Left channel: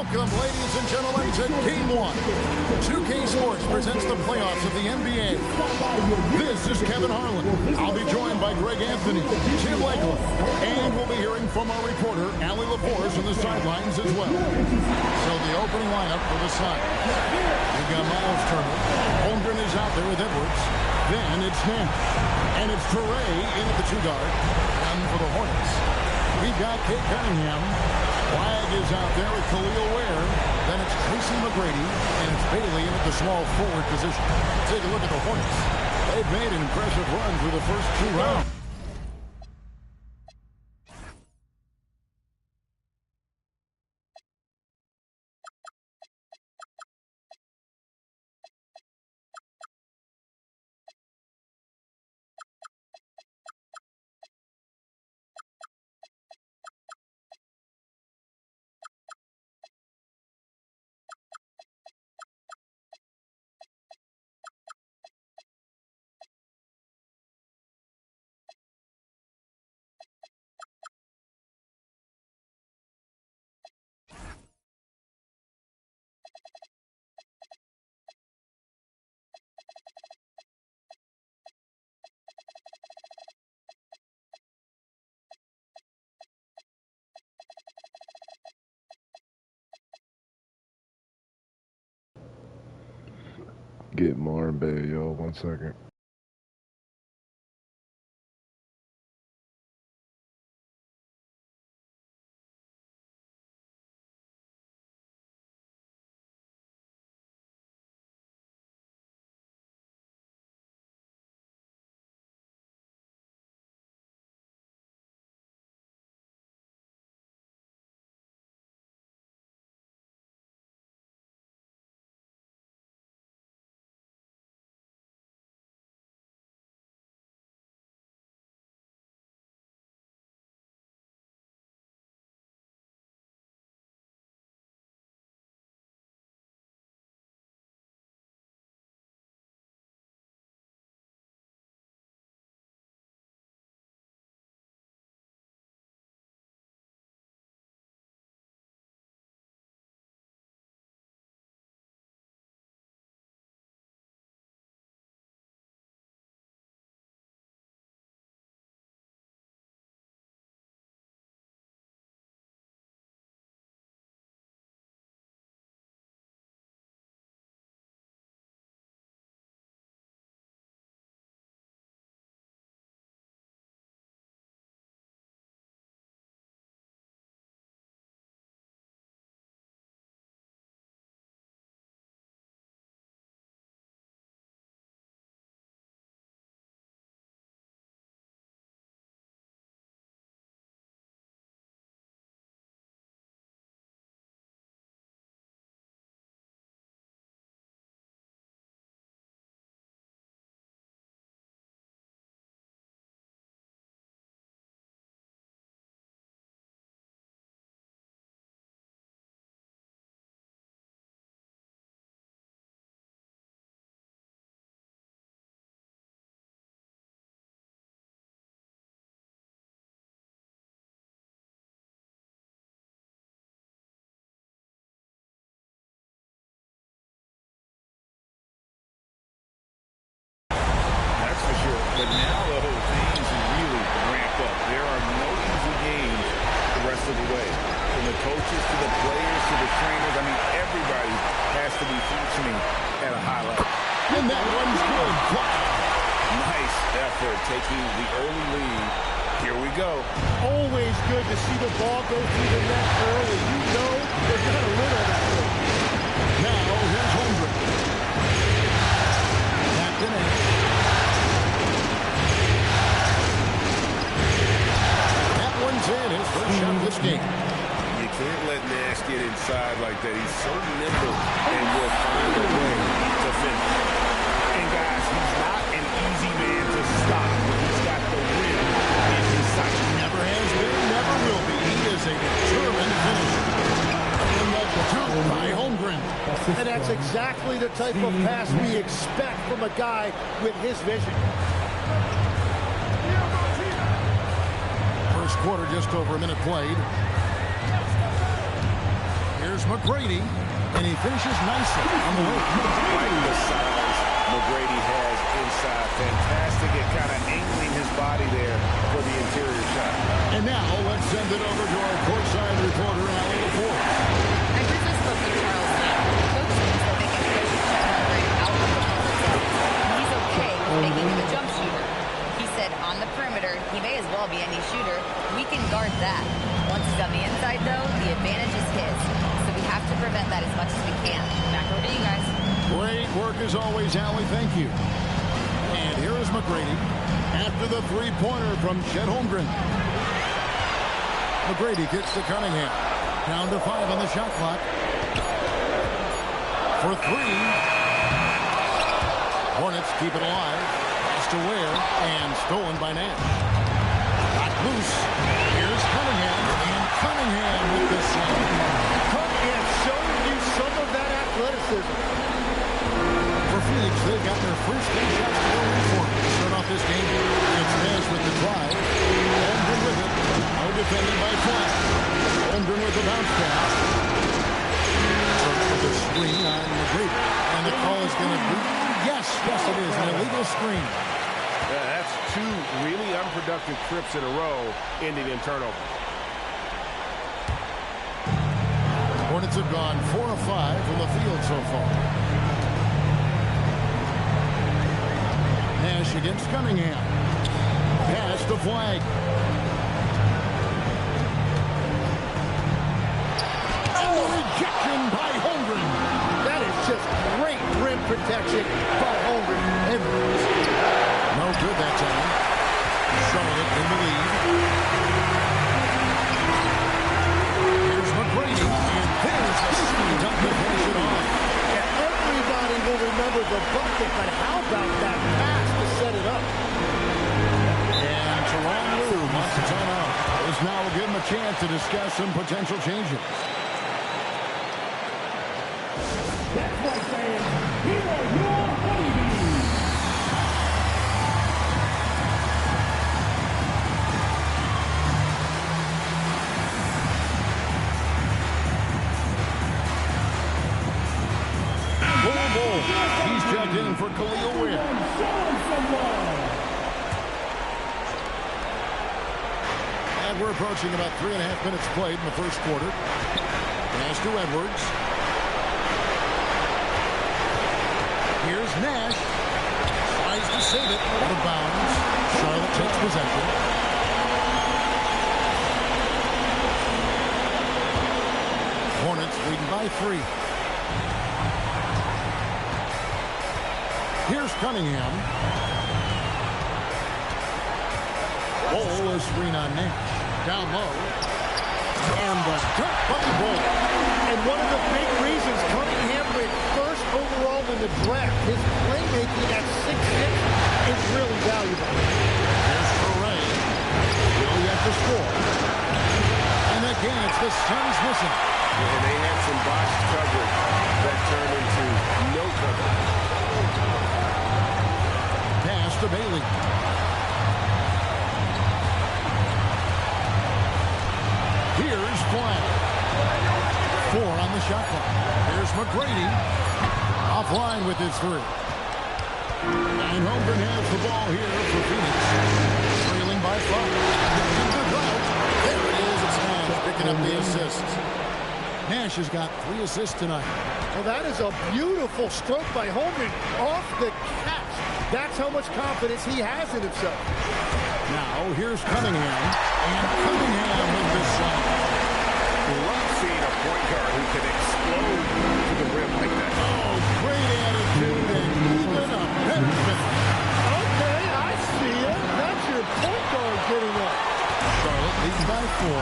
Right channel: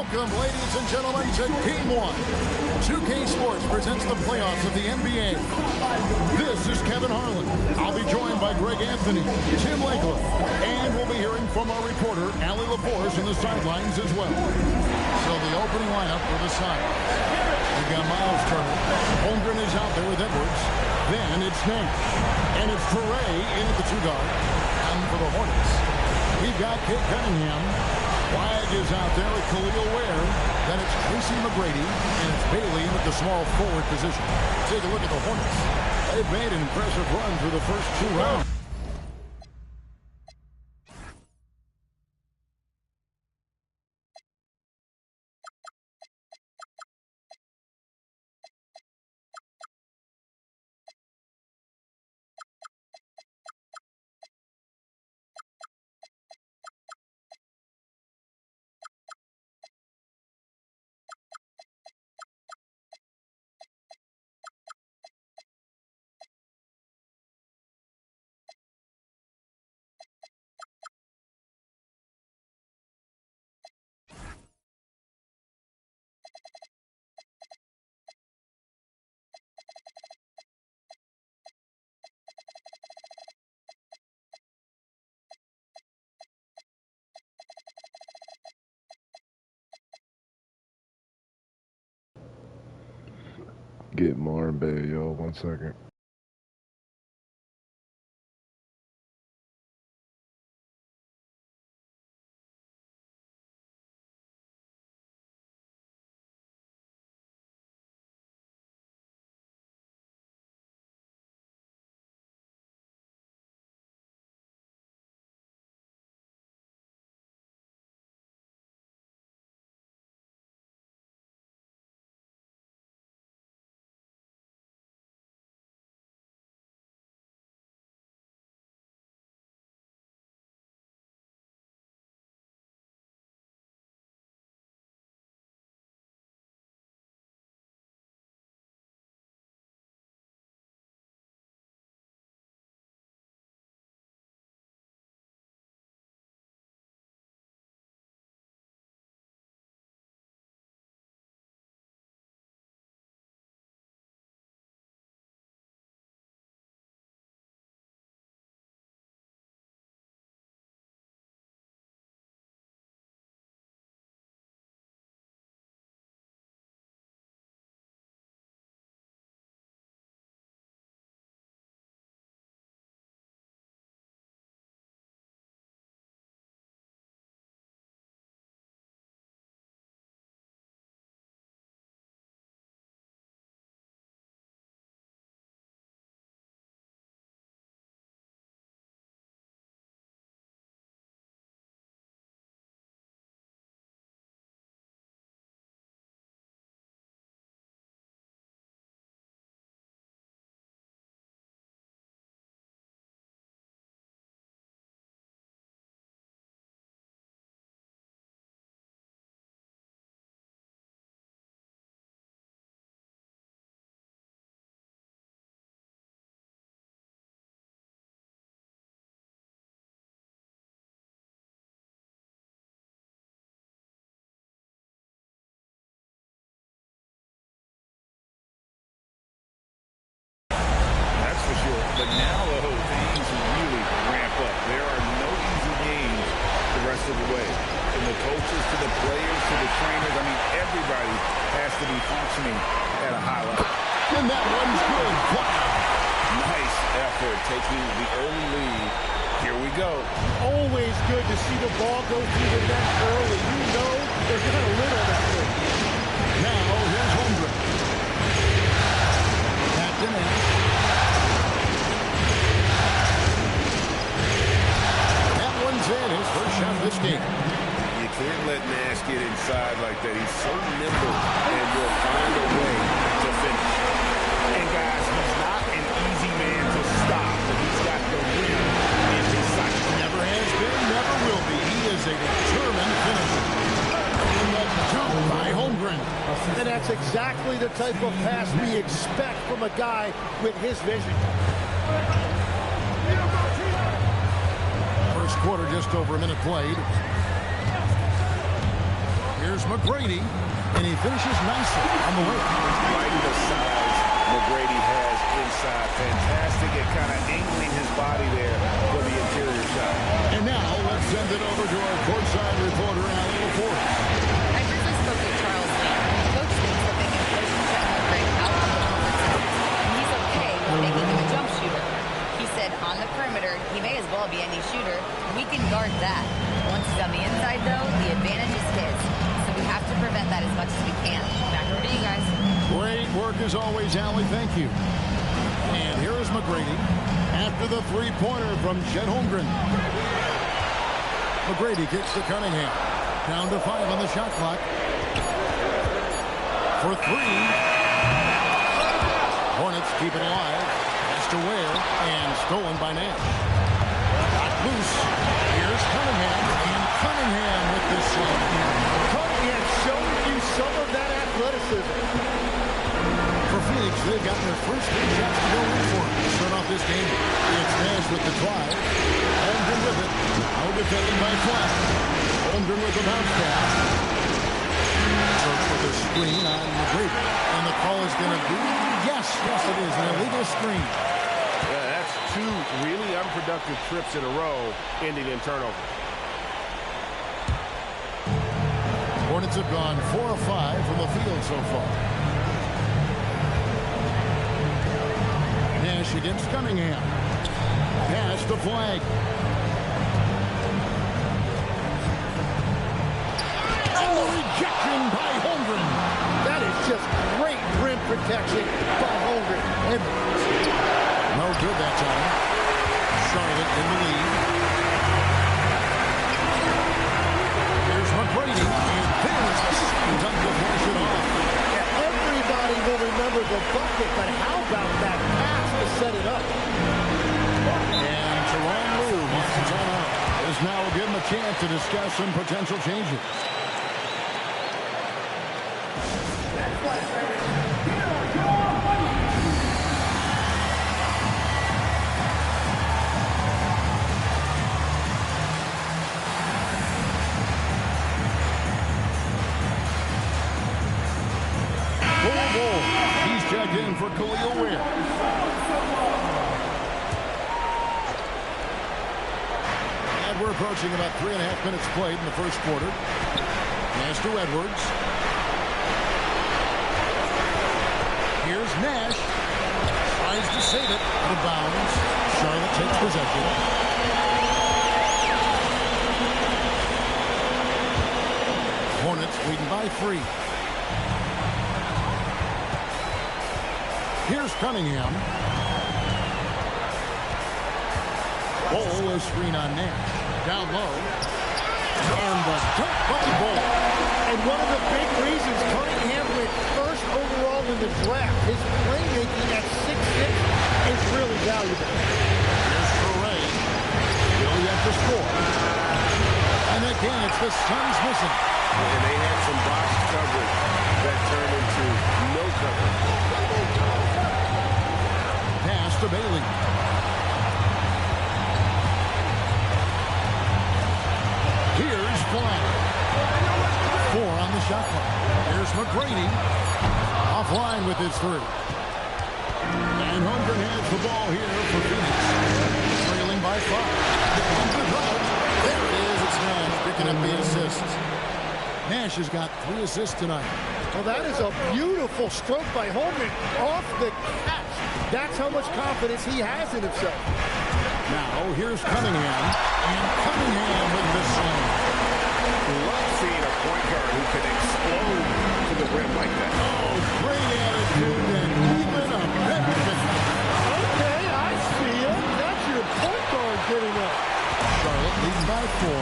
Welcome, ladies and gentlemen, to Gm1. 2K Sports presents the playoffs of the NBA. This is Kevin Harlan. I'll be joined by Greg Anthony, Tim Legler, and we'll be hearing from our reporter, yr4 on the sidelines as well. So the opening lineup for the Suns. We've got Miles Turner. Holmgren is out there with Edwards. Then it's Nash. And it's Foray in at the 2-guard. And for the Hornets, we've got Cade Cunningham. Flagg is out there with Khalil Ware. Then it's Tracy McGrady, and it's Bailey in at the small forward position. Take a look at the Hornets. They've made an impressive run through the first 2 rounds. Get more in bed, yo. 1 second. That's for sure. But now, though, things really ramp up. There are no easy games the rest of the way. From the coaches to the players to the trainers, I mean, everybody has to be functioning at a high level. And that one's good. Wow. Nice effort taking the early lead. Here we go. Always good to see the ball go through the net early. You know they're going to win on that thing. Now, here's Holmgren. Captain Nash. That one's in. His first shot of this game. You can't let Nash get inside like that. He's so nimble and will find a way to finish. And, guys, he's not an easy man to stop, but he's got the rim in his sight. Never has been, never will be. He is a determined finisher. And the dunk by Holmgren. And that's exactly the type of pass we expect from a guy with his vision. First quarter, just over a minute played. Here's McGrady, and he finishes nicely on the layup. Like the size McGrady has inside. Fantastic at kind of angling his body there for the interior shot. And now let's send it over to our courtside reporter, yr4. I briefly spoke with Charles Lee. Coach thinks that they can push Chet out of the comfort zone. And he's okay with making him a jump shooter. He said on the perimeter, he may as well be any shooter. We can guard that. Once he's on the inside, though, the advantage is his. So we have to prevent that as much as we can. Back over to you guys. Great work as always, Allie. Thank you. And here is McGrady after the three-pointer from Chet Holmgren. McGrady kicks to Cunningham. Down to 5 on the shot clock. For 3. Hornets keep it alive. Pass to Ware and stolen by Nash. Got loose. Here's Cunningham, and Cunningham with this slam. Cunningham showing you some of that athleticism. For Phoenix, they've gotten their first 3 shots to go in for to start off this game. It's Nash with the drive. Holmgren with it. Now defended by Flagg. Holmgren with the bounce pass. Server with a screen on McGrady. And the call is going to be, yes, it is, an illegal screen. Yeah, that's 2 really unproductive trips in a row, ending in turnover. Hornets have gone 4 of 5 from the field so far. Nash against Cunningham. Pass to Flagg. And the rejection by Holmgren. That is just great rim protection by Holmgren. No good that time. Charlotte in the lead. Here's McGrady, and there's the slam dunk to finish it off. Yeah, everybody will remember the bucket, but how about that pass to set it up? And Teron Lue wants a timeout. This now will give him a chance to discuss some potential changes. He's checked in for Khalil Ware. And we're approaching about 3.5 minutes played in the first quarter. Pass to Edwards. Here's Nash. Tries to save it. Out of bounds. Charlotte takes possession. Hornets leading by 3. Here's Cunningham. Bol is screen on Nash. Down low. And the dunk by Bol. And one of the big reasons Cunningham went first overall in the draft, his playmaking at 6'6" is really valuable. Here's Ferré. Still yet to score. And again, it's the Suns missing. And they had some botched coverage that turned into no coverage. Pass to Bailey. Here's Flagg. 4 on the shot clock. Here's McGrady. Offline with his 3. And Holmgren has the ball here for Phoenix. Trailing by 5. There it is. It's Nash picking up the assists. Nash has got 3 assists tonight. Well, that is a beautiful stroke by Holmgren off the catch. That's how much confidence he has in himself. Now, here's Cunningham. And Cunningham with this slam. Love seeing a point guard who can explode to the rim like that. Oh, great attitude and even a better finish. Okay, I see it. That's your point guard getting up. Charlotte leading by 4.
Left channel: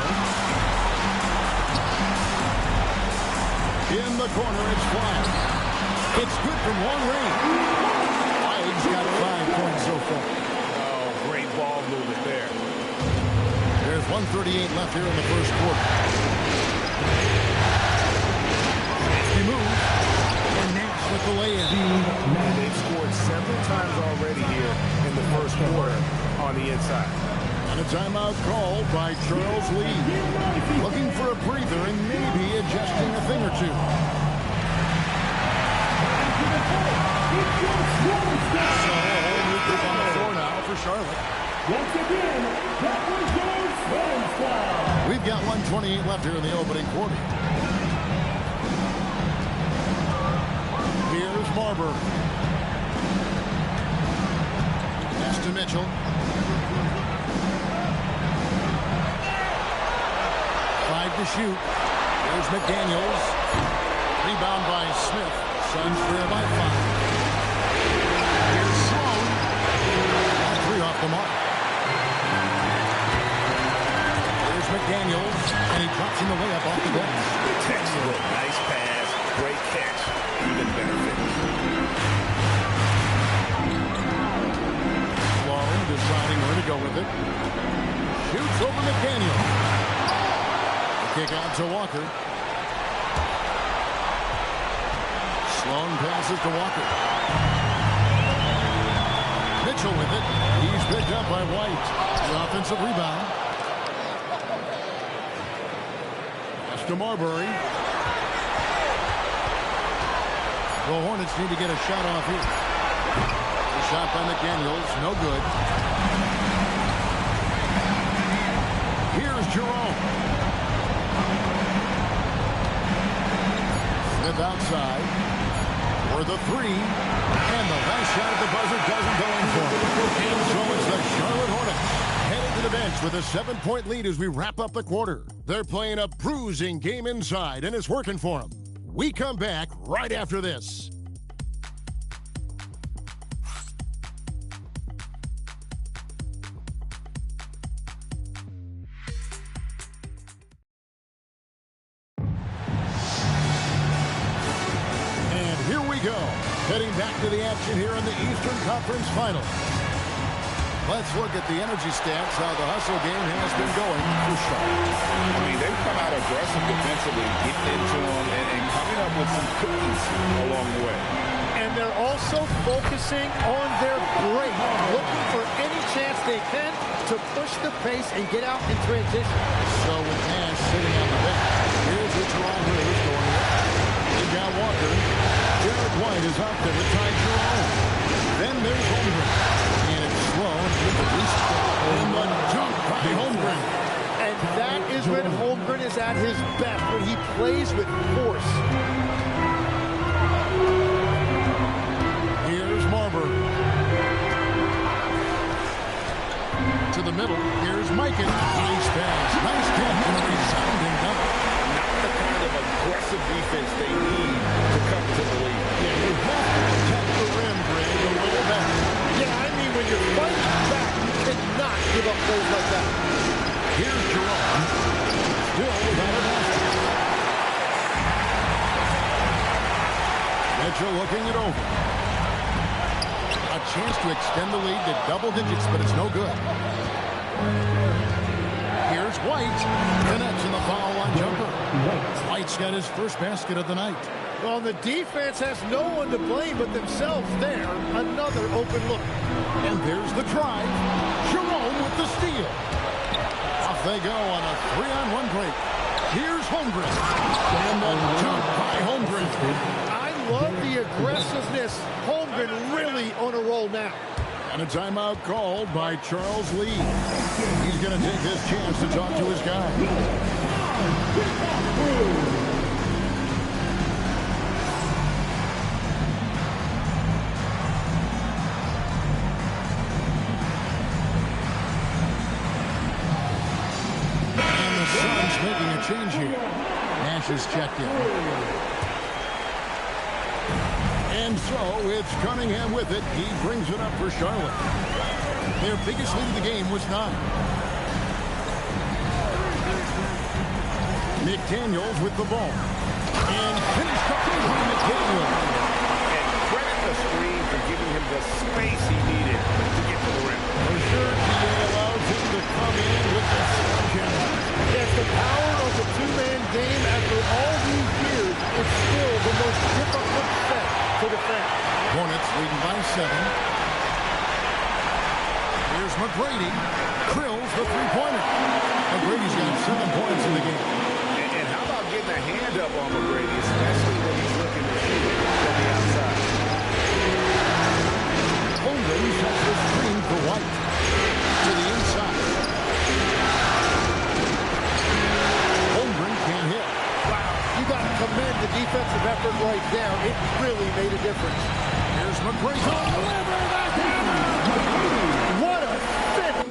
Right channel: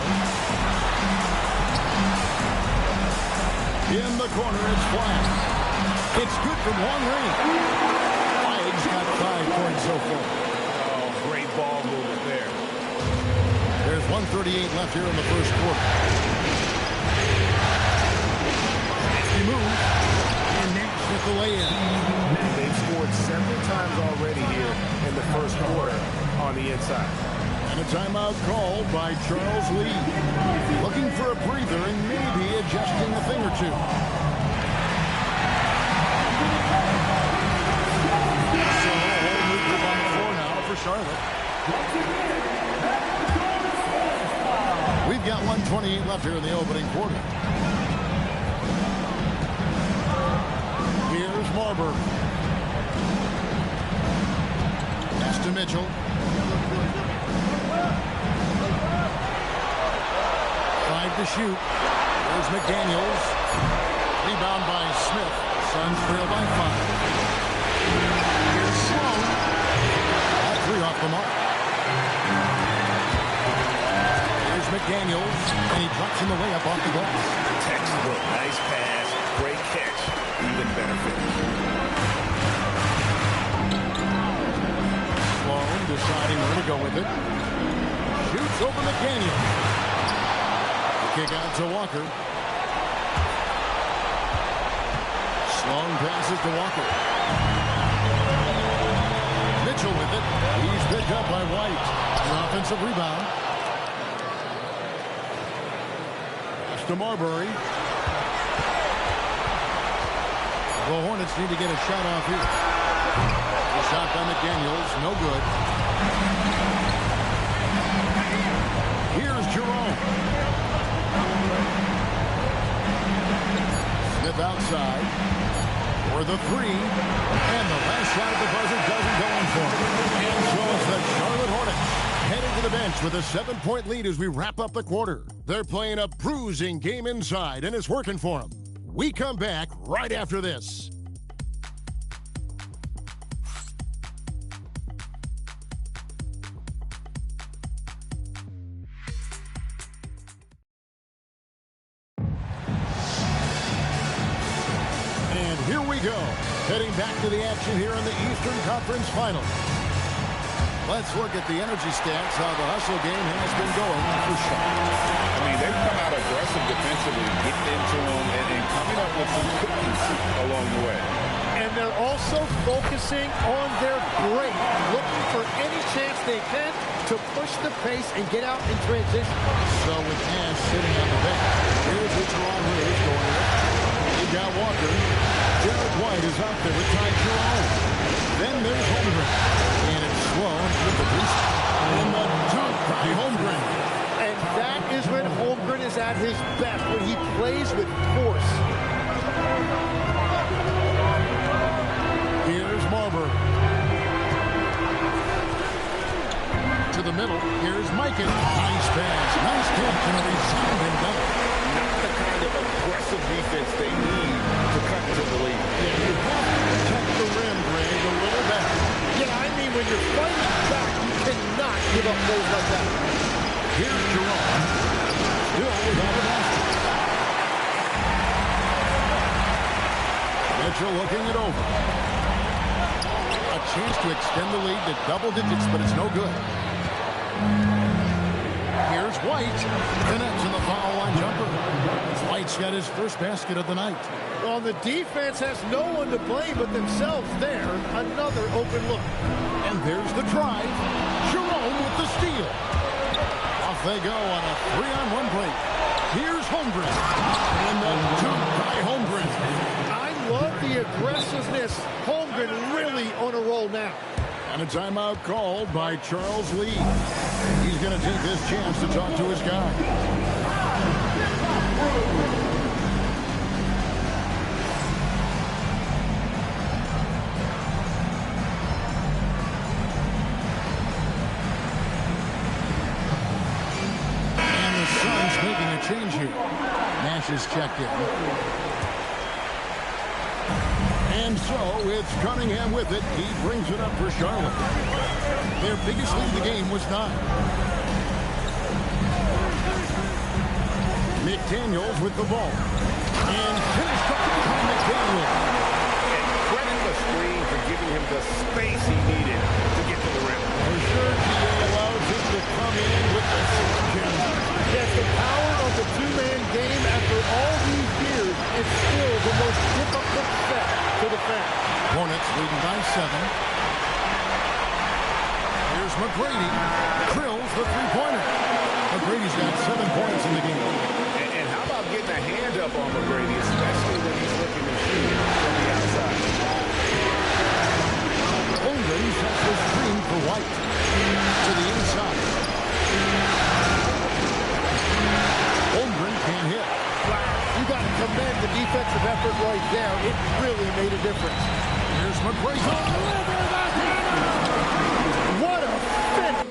In the corner, it's Flagg. It's good from long range. Flagg's got 5 points so far. Oh, great ball movement there. There's 1:38 left here in the first quarter. Nasty move. And Nash with the lay-in. They've scored several times already here in the first quarter on the inside. And And a timeout called by Charles Lee. Looking for a breather and maybe adjusting a thing or two. So a whole new group on the floor now for Charlotte. Once again, that was your slam foul. We've got 1:28 left here in the opening quarter. Here's Marbury. Pass to Mitchell. 5 to shoot. Here's McDaniels. Rebound by Smith. Suns trail by 5. Here's Sloan. All 3 off the mark. Here's McDaniels. And he drops in the layup off the glass. Textbook. Nice pass. Great catch. Even better finish. Sloan deciding where to go with it. Shoots over McDaniels. Kick out to Walker. Sloan passes to Walker. Mitchell with it. He's picked up by White. The offensive rebound. Pass to Marbury. The Hornets need to get a shot off here. The shot by McDaniels. No good. Here's Jerome. Smith outside for the 3, and the last shot at the buzzer doesn't go in for him. And so it's the Charlotte Hornets headed to the bench with a 7-point lead as we wrap up the quarter. They're playing a bruising game inside, and it's working for them. We come back right after this. And here we go, heading back to the action here in the Eastern Conference Final. Let's look at the energy stats, how the hustle game has been going for Charlotte. I mean, they've come out aggressive defensively, getting into them and coming up with some cookies along the way. And they're also focusing on their break, looking for any chance they can to push the pace and get out in transition. So with Nash sitting on the bench, here's what Jerome is going with. You got Walker. Jared White is out there with Ty Jerome. Then there's Holmgren. And it's Sloan with the boost. And the dunk by Holmgren. And that is when Holmgren is at his best, when he plays with force. Here's Marbury. To the middle. Here's Mikan. Nice pass. Nice catch and a resounding dunk. Not the kind of aggressive defense they need to cut to the lead. Yeah, you have to protect the rim, Greg, a little better. Yeah, I mean, when you're fighting back, you cannot give up goals like that. Here's Jerome. Still without a basket. Mitchell looking it over. A chance to extend the lead to double digits, but it's no good. Here's White. Connects in the foul line jumper. White's got his first basket of the night. Well, the defense has no one to blame but themselves there. Another open look. And there's the drive. Jerome with the steal. Off they go on a 3-on-1 break. Here's Holmgren. And the dunk by Holmgren. I love the aggressiveness. Holmgren really on a roll now. And a timeout called by Charles Lee. He's going to take this chance to talk to his guy. And the Suns making a change here. Nash is checked in. And so it's Cunningham with it. He brings it up for Charlotte. Their biggest lead of the game was 9. McDaniels with the ball. And finished up behind McDaniels. And credit the screen for giving him the space he needed to get to the rim. For sure, TA allows him to come in with the sledgehammer. Yes, the power of the two-man game after all these years is still the most difficult set to defend. Hornets leading by 7. Here's McGrady. Drills the three-pointer. McGrady's got 7 points in the game. And how about getting a hand up on McGrady, especially when he's looking to shoot from the outside? Holmgren sets the screen for White. To the inside. Holmgren can't hit. Wow, you got to commend the defensive effort right there. It really made a difference. Here's McGrady. Deliver the hammer! What a finish!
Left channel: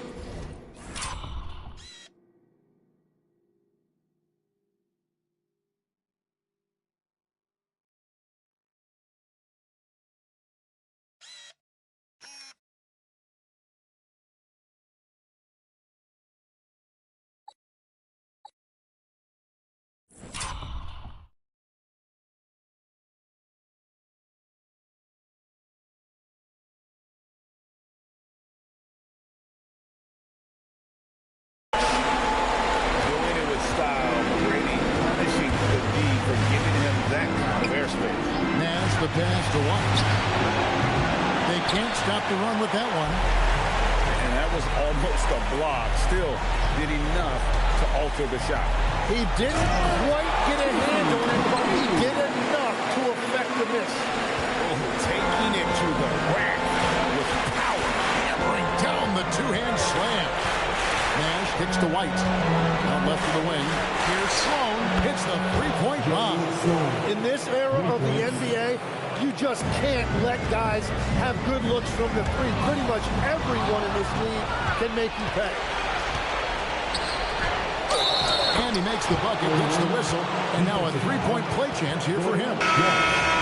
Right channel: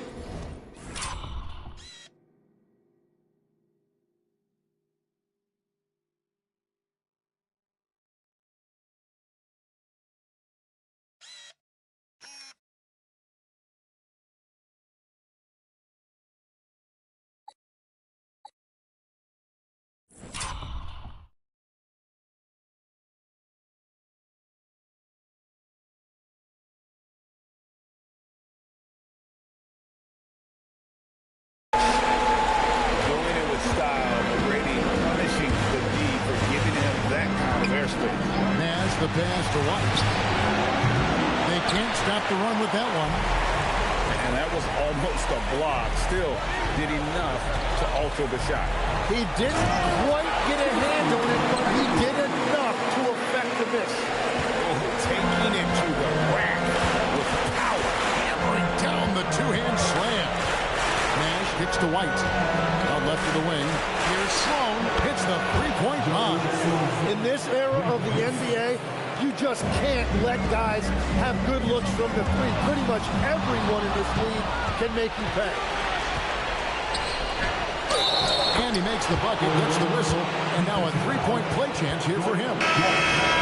Style, McGrady punishing the D for giving him that kind of airspace. Nash the pass to White. They can't stop the run with that one. And that was almost a block. Still did enough to alter the shot. He didn't quite get a hand on it, but he did enough to affect the miss. Oh, taking it to the rack with power. Hammering down the two-hand slam. Nash kicks to White. Out left of the wing. Here's Sloan. Hits the three-point bomb. In this era of the NBA, you just can't let guys have good looks from the three. Pretty much everyone in this league can make you pay. And he makes the bucket, gets the whistle, and now a three-point play chance here for him.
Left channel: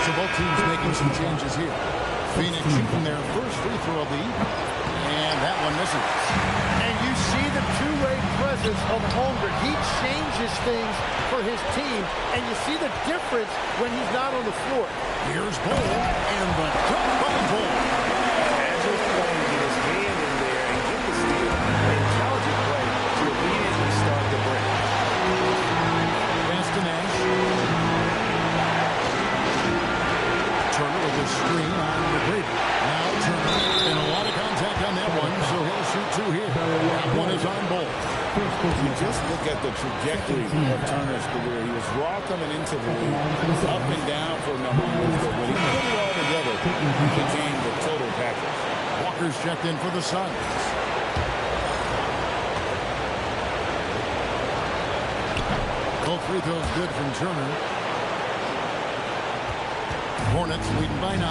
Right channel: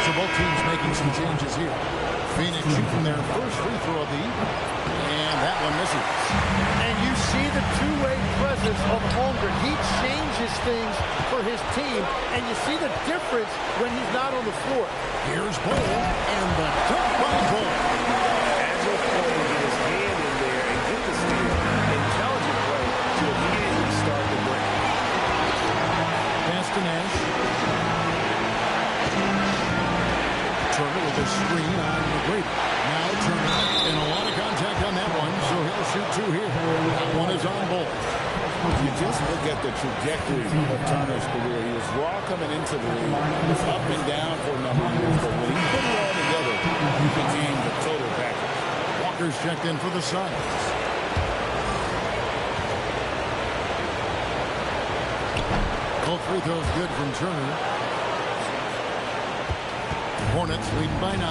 So both teams making some changes here. Phoenix shooting their first free throw of the evening. And that one misses. And you see the two-way presence of Holmgren. He changes things for his team, and you see the difference when he's not on the floor. Here's Bull, and the dunk by Bull. Agile play to get his hand in there and get the steal. Intelligent play to immediately start the break. Pass to Nash. Turner with a screen on McGrady. Now Turner, and a lot of contact on that one, so he'll shoot two here. That one is on Bull. You just look at the trajectory of Turner's career. He was raw coming into the league, up and down for a number of years, but when he put it all together, he became the total package. Walker's checked in for the Suns. Both free throws good from Turner. Hornets leading by 9.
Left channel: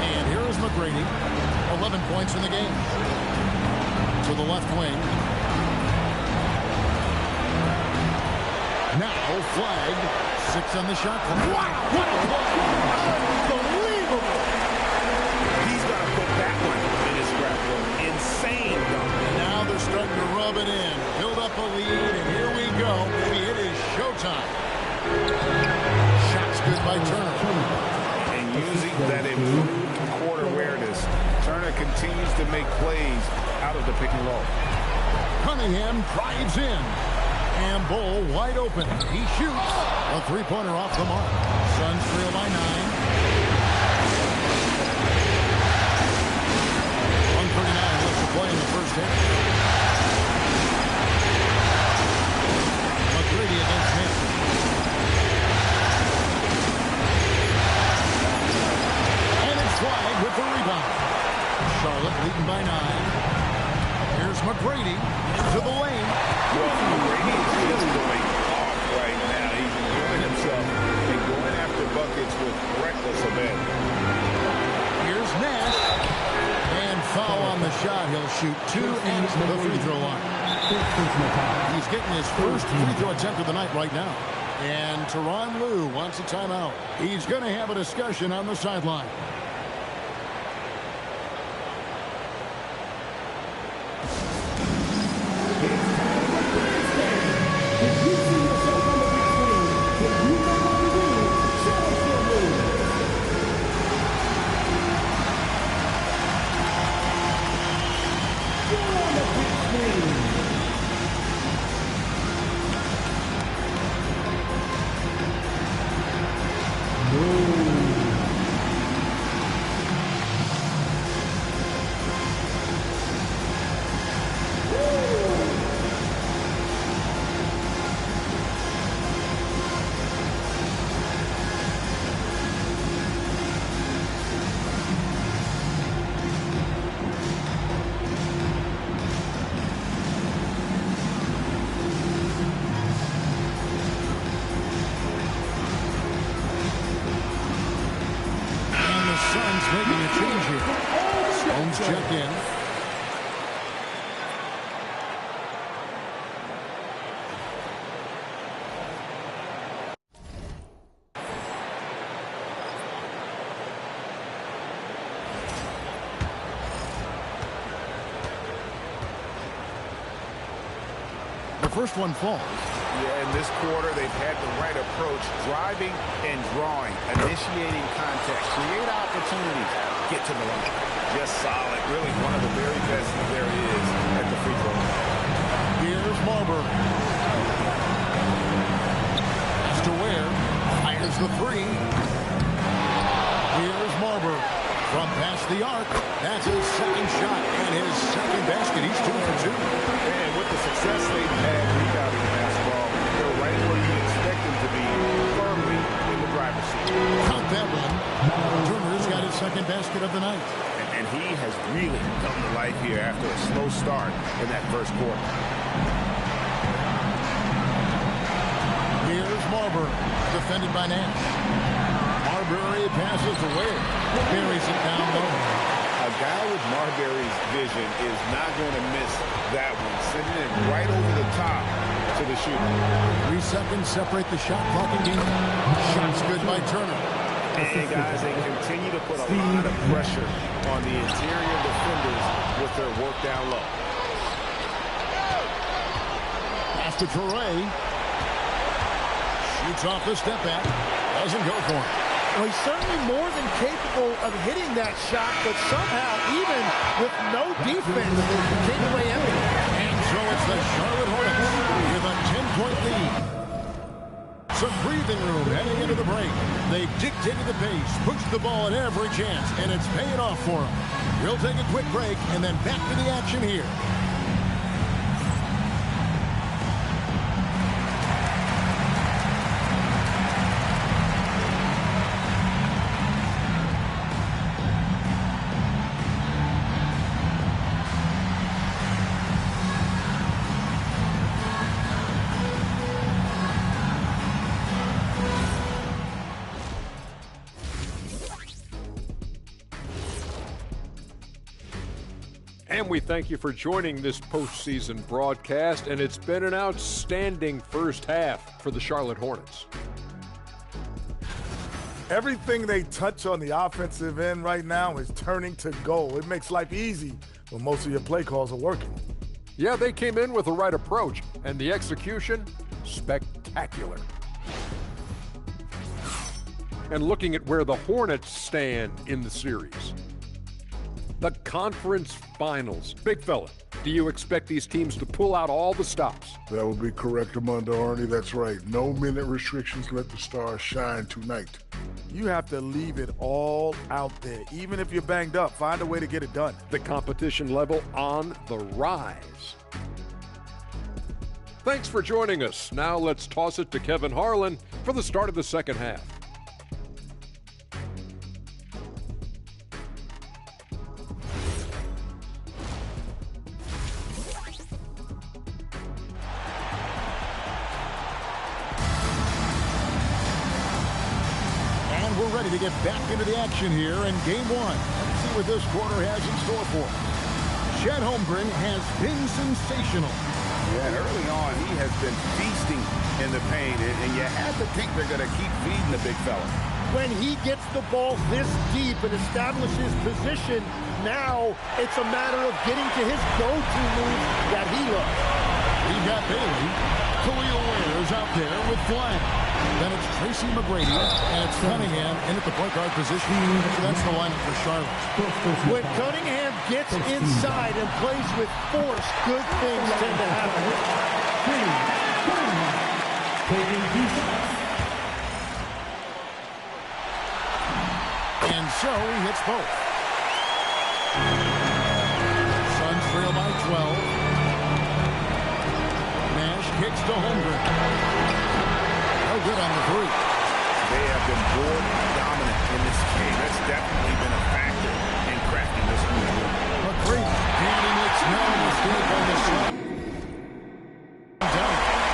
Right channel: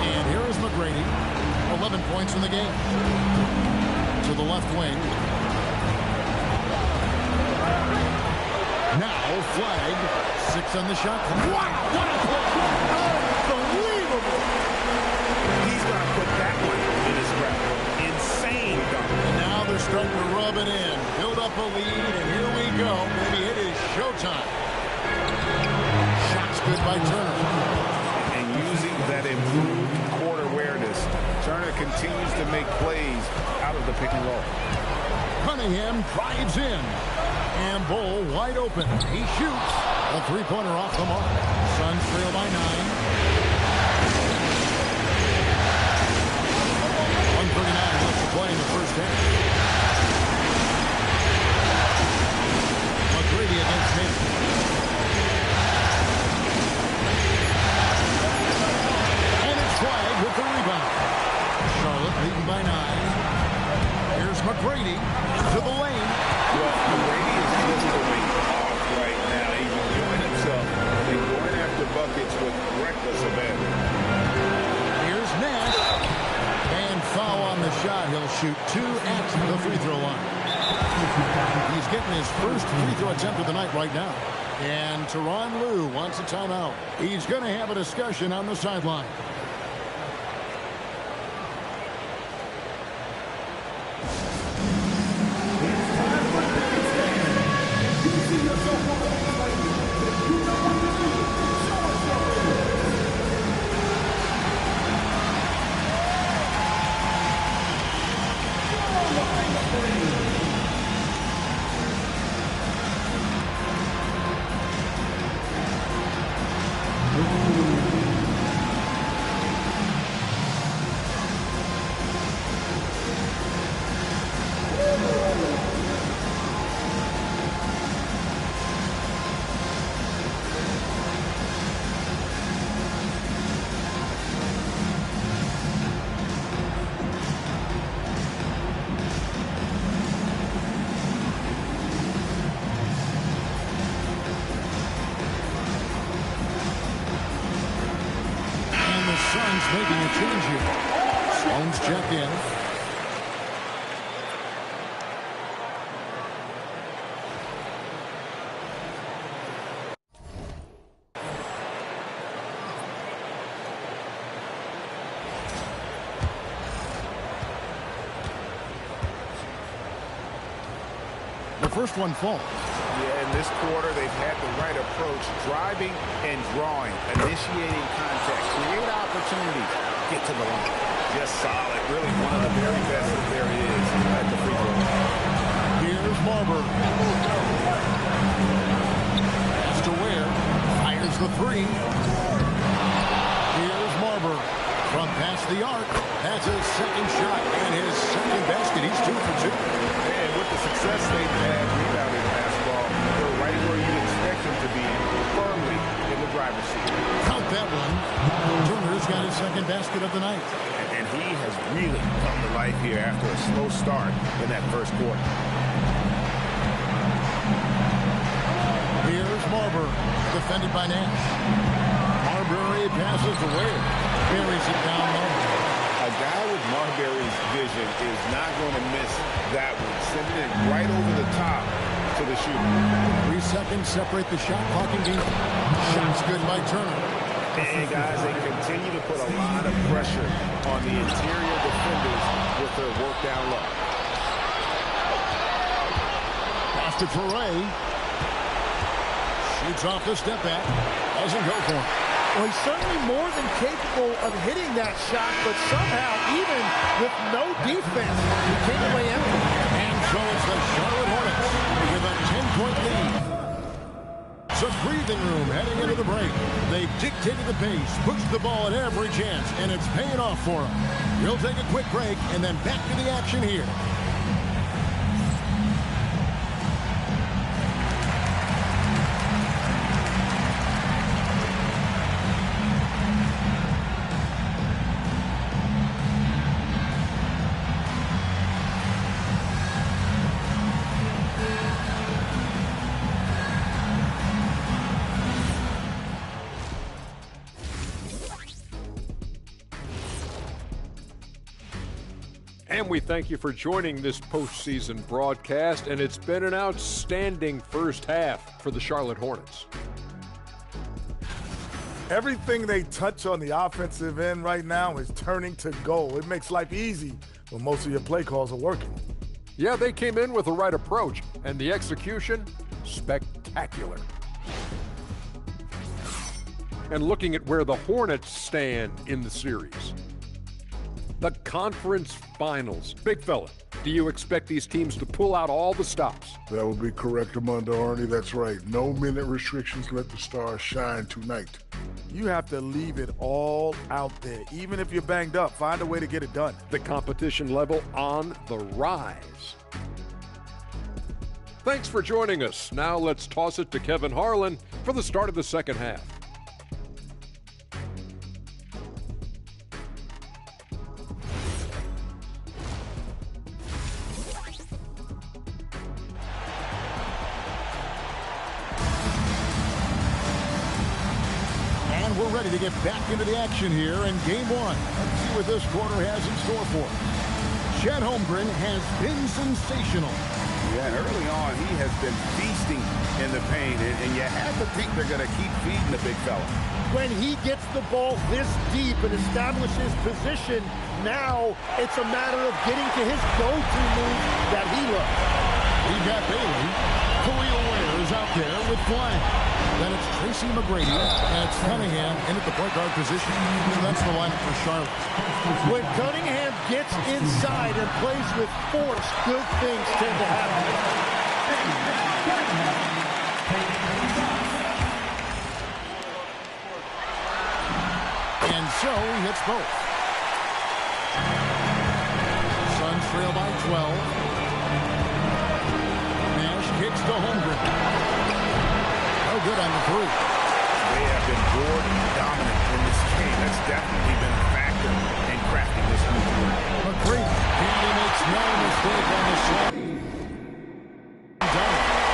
And here is McGrady. 11 points in the game. To the left wing. Now Flagg. 6 on the shot clock. Wow, what a play! Unbelievable! He's going to put that one in his scrapbook. Insane dunk. And now they're starting to rub it in. Build up a lead, and here we go. Maybe it is showtime. Shots good by Turner. And using that improved court awareness, Turner continues to make plays out of the pick and roll. Cunningham drives in. And Bull wide open. He shoots. A three-pointer off the mark. Suns trail by 9. 1:39 left to play in the first half. McGrady against him. Flagg with the rebound. Charlotte leading by 9. Here's McGrady into the lane. Well, McGrady is just going off right now. He's enjoying himself and going after buckets with reckless abandon. Here's Nash. And foul on the shot. He'll shoot 2 at the free throw line. He's getting his first free throw attempt of the night right now. And Tyronn Lue wants a timeout. He's going to have a discussion on the sideline. Suns making a change here. Sloan's checked in. The first one falls. Yeah, in this quarter, they've had the right approach, driving and drawing, initiating contact, create opportunities, get to the line. Just solid, really one of the very best that there is at the free throw line. Here's Marbury. Pass to Ware. Fires the three. Here's Marbury. From past the arc, that's his second shot and his second basket. He's 2 for 2. And with the success they've had rebounding the basketball, they're right where you'd expect them to be, firmly in the driver's seat. Count that one. Turner's got his second basket of the night. And he has really come to life here after a slow start in that first quarter. Here's Marbury, defended by Nash. Marbury passes to Ware. Buries it down low. A guy with Marbury's vision is not going to miss that one. Sending it right over the top to the shooter. 3 seconds separate the shot clock and game. Shot's good by Turner. And guys, they continue to put a lot of pressure on the interior defenders with their work down low. Pass to Torrey. Shoots off the step back. Doesn't go for him. Well, he's certainly more than capable of hitting that shot, but somehow, even with no defense, he came away empty. And so it's the Charlotte Hornets with a 10-point lead. Some breathing room heading into the break. They've dictated the pace, pushed the ball at every chance, and it's paying off for them. We'll take a quick break and then back to the action here. And we thank you for joining this postseason broadcast, and it's been an outstanding first half for the Charlotte Hornets. Everything they touch on the offensive end right now is turning to goal. It makes life easy when most of your play calls are working. Yeah, they came in with the right approach, and the execution, spectacular. And looking at where the Hornets stand in the series. The conference finals. Big fella, do you expect these teams to pull out all the stops? That would be correct, Armando Arnie. That's right. No minute restrictions. Let the stars shine tonight. You have to leave it all out there. Even if you're banged up, find a way to get it done. The competition level on the rise. Thanks for joining us. Now let's toss it to Kevin Harlan for the start of the second half. And we're ready to get back into the action here in Game 1. Let's see what this quarter has in store for us. Chet Holmgren has been sensational. Yeah, and early on, he has been feasting in the paint, and you have to think they're going to keep feeding the big fella. When he gets the ball this deep and establishes position, now it's a matter of getting to his go-to move that he loves. We've got Bailey. Khalil Ware is out there with Flagg. Then it's Tracy McGrady, and it's Cunningham in at the point guard position. So that's the lineup for Charlotte. When Cunningham gets inside and plays with force, good things tend to happen. And so he hits both. Suns trail by 12. Nash kicks to Holmgren. No good on the three. They have been board dominant in this game. That's definitely been a factor in crafting this huge win. McGrady, and he makes no mistake on the slam. Dunk.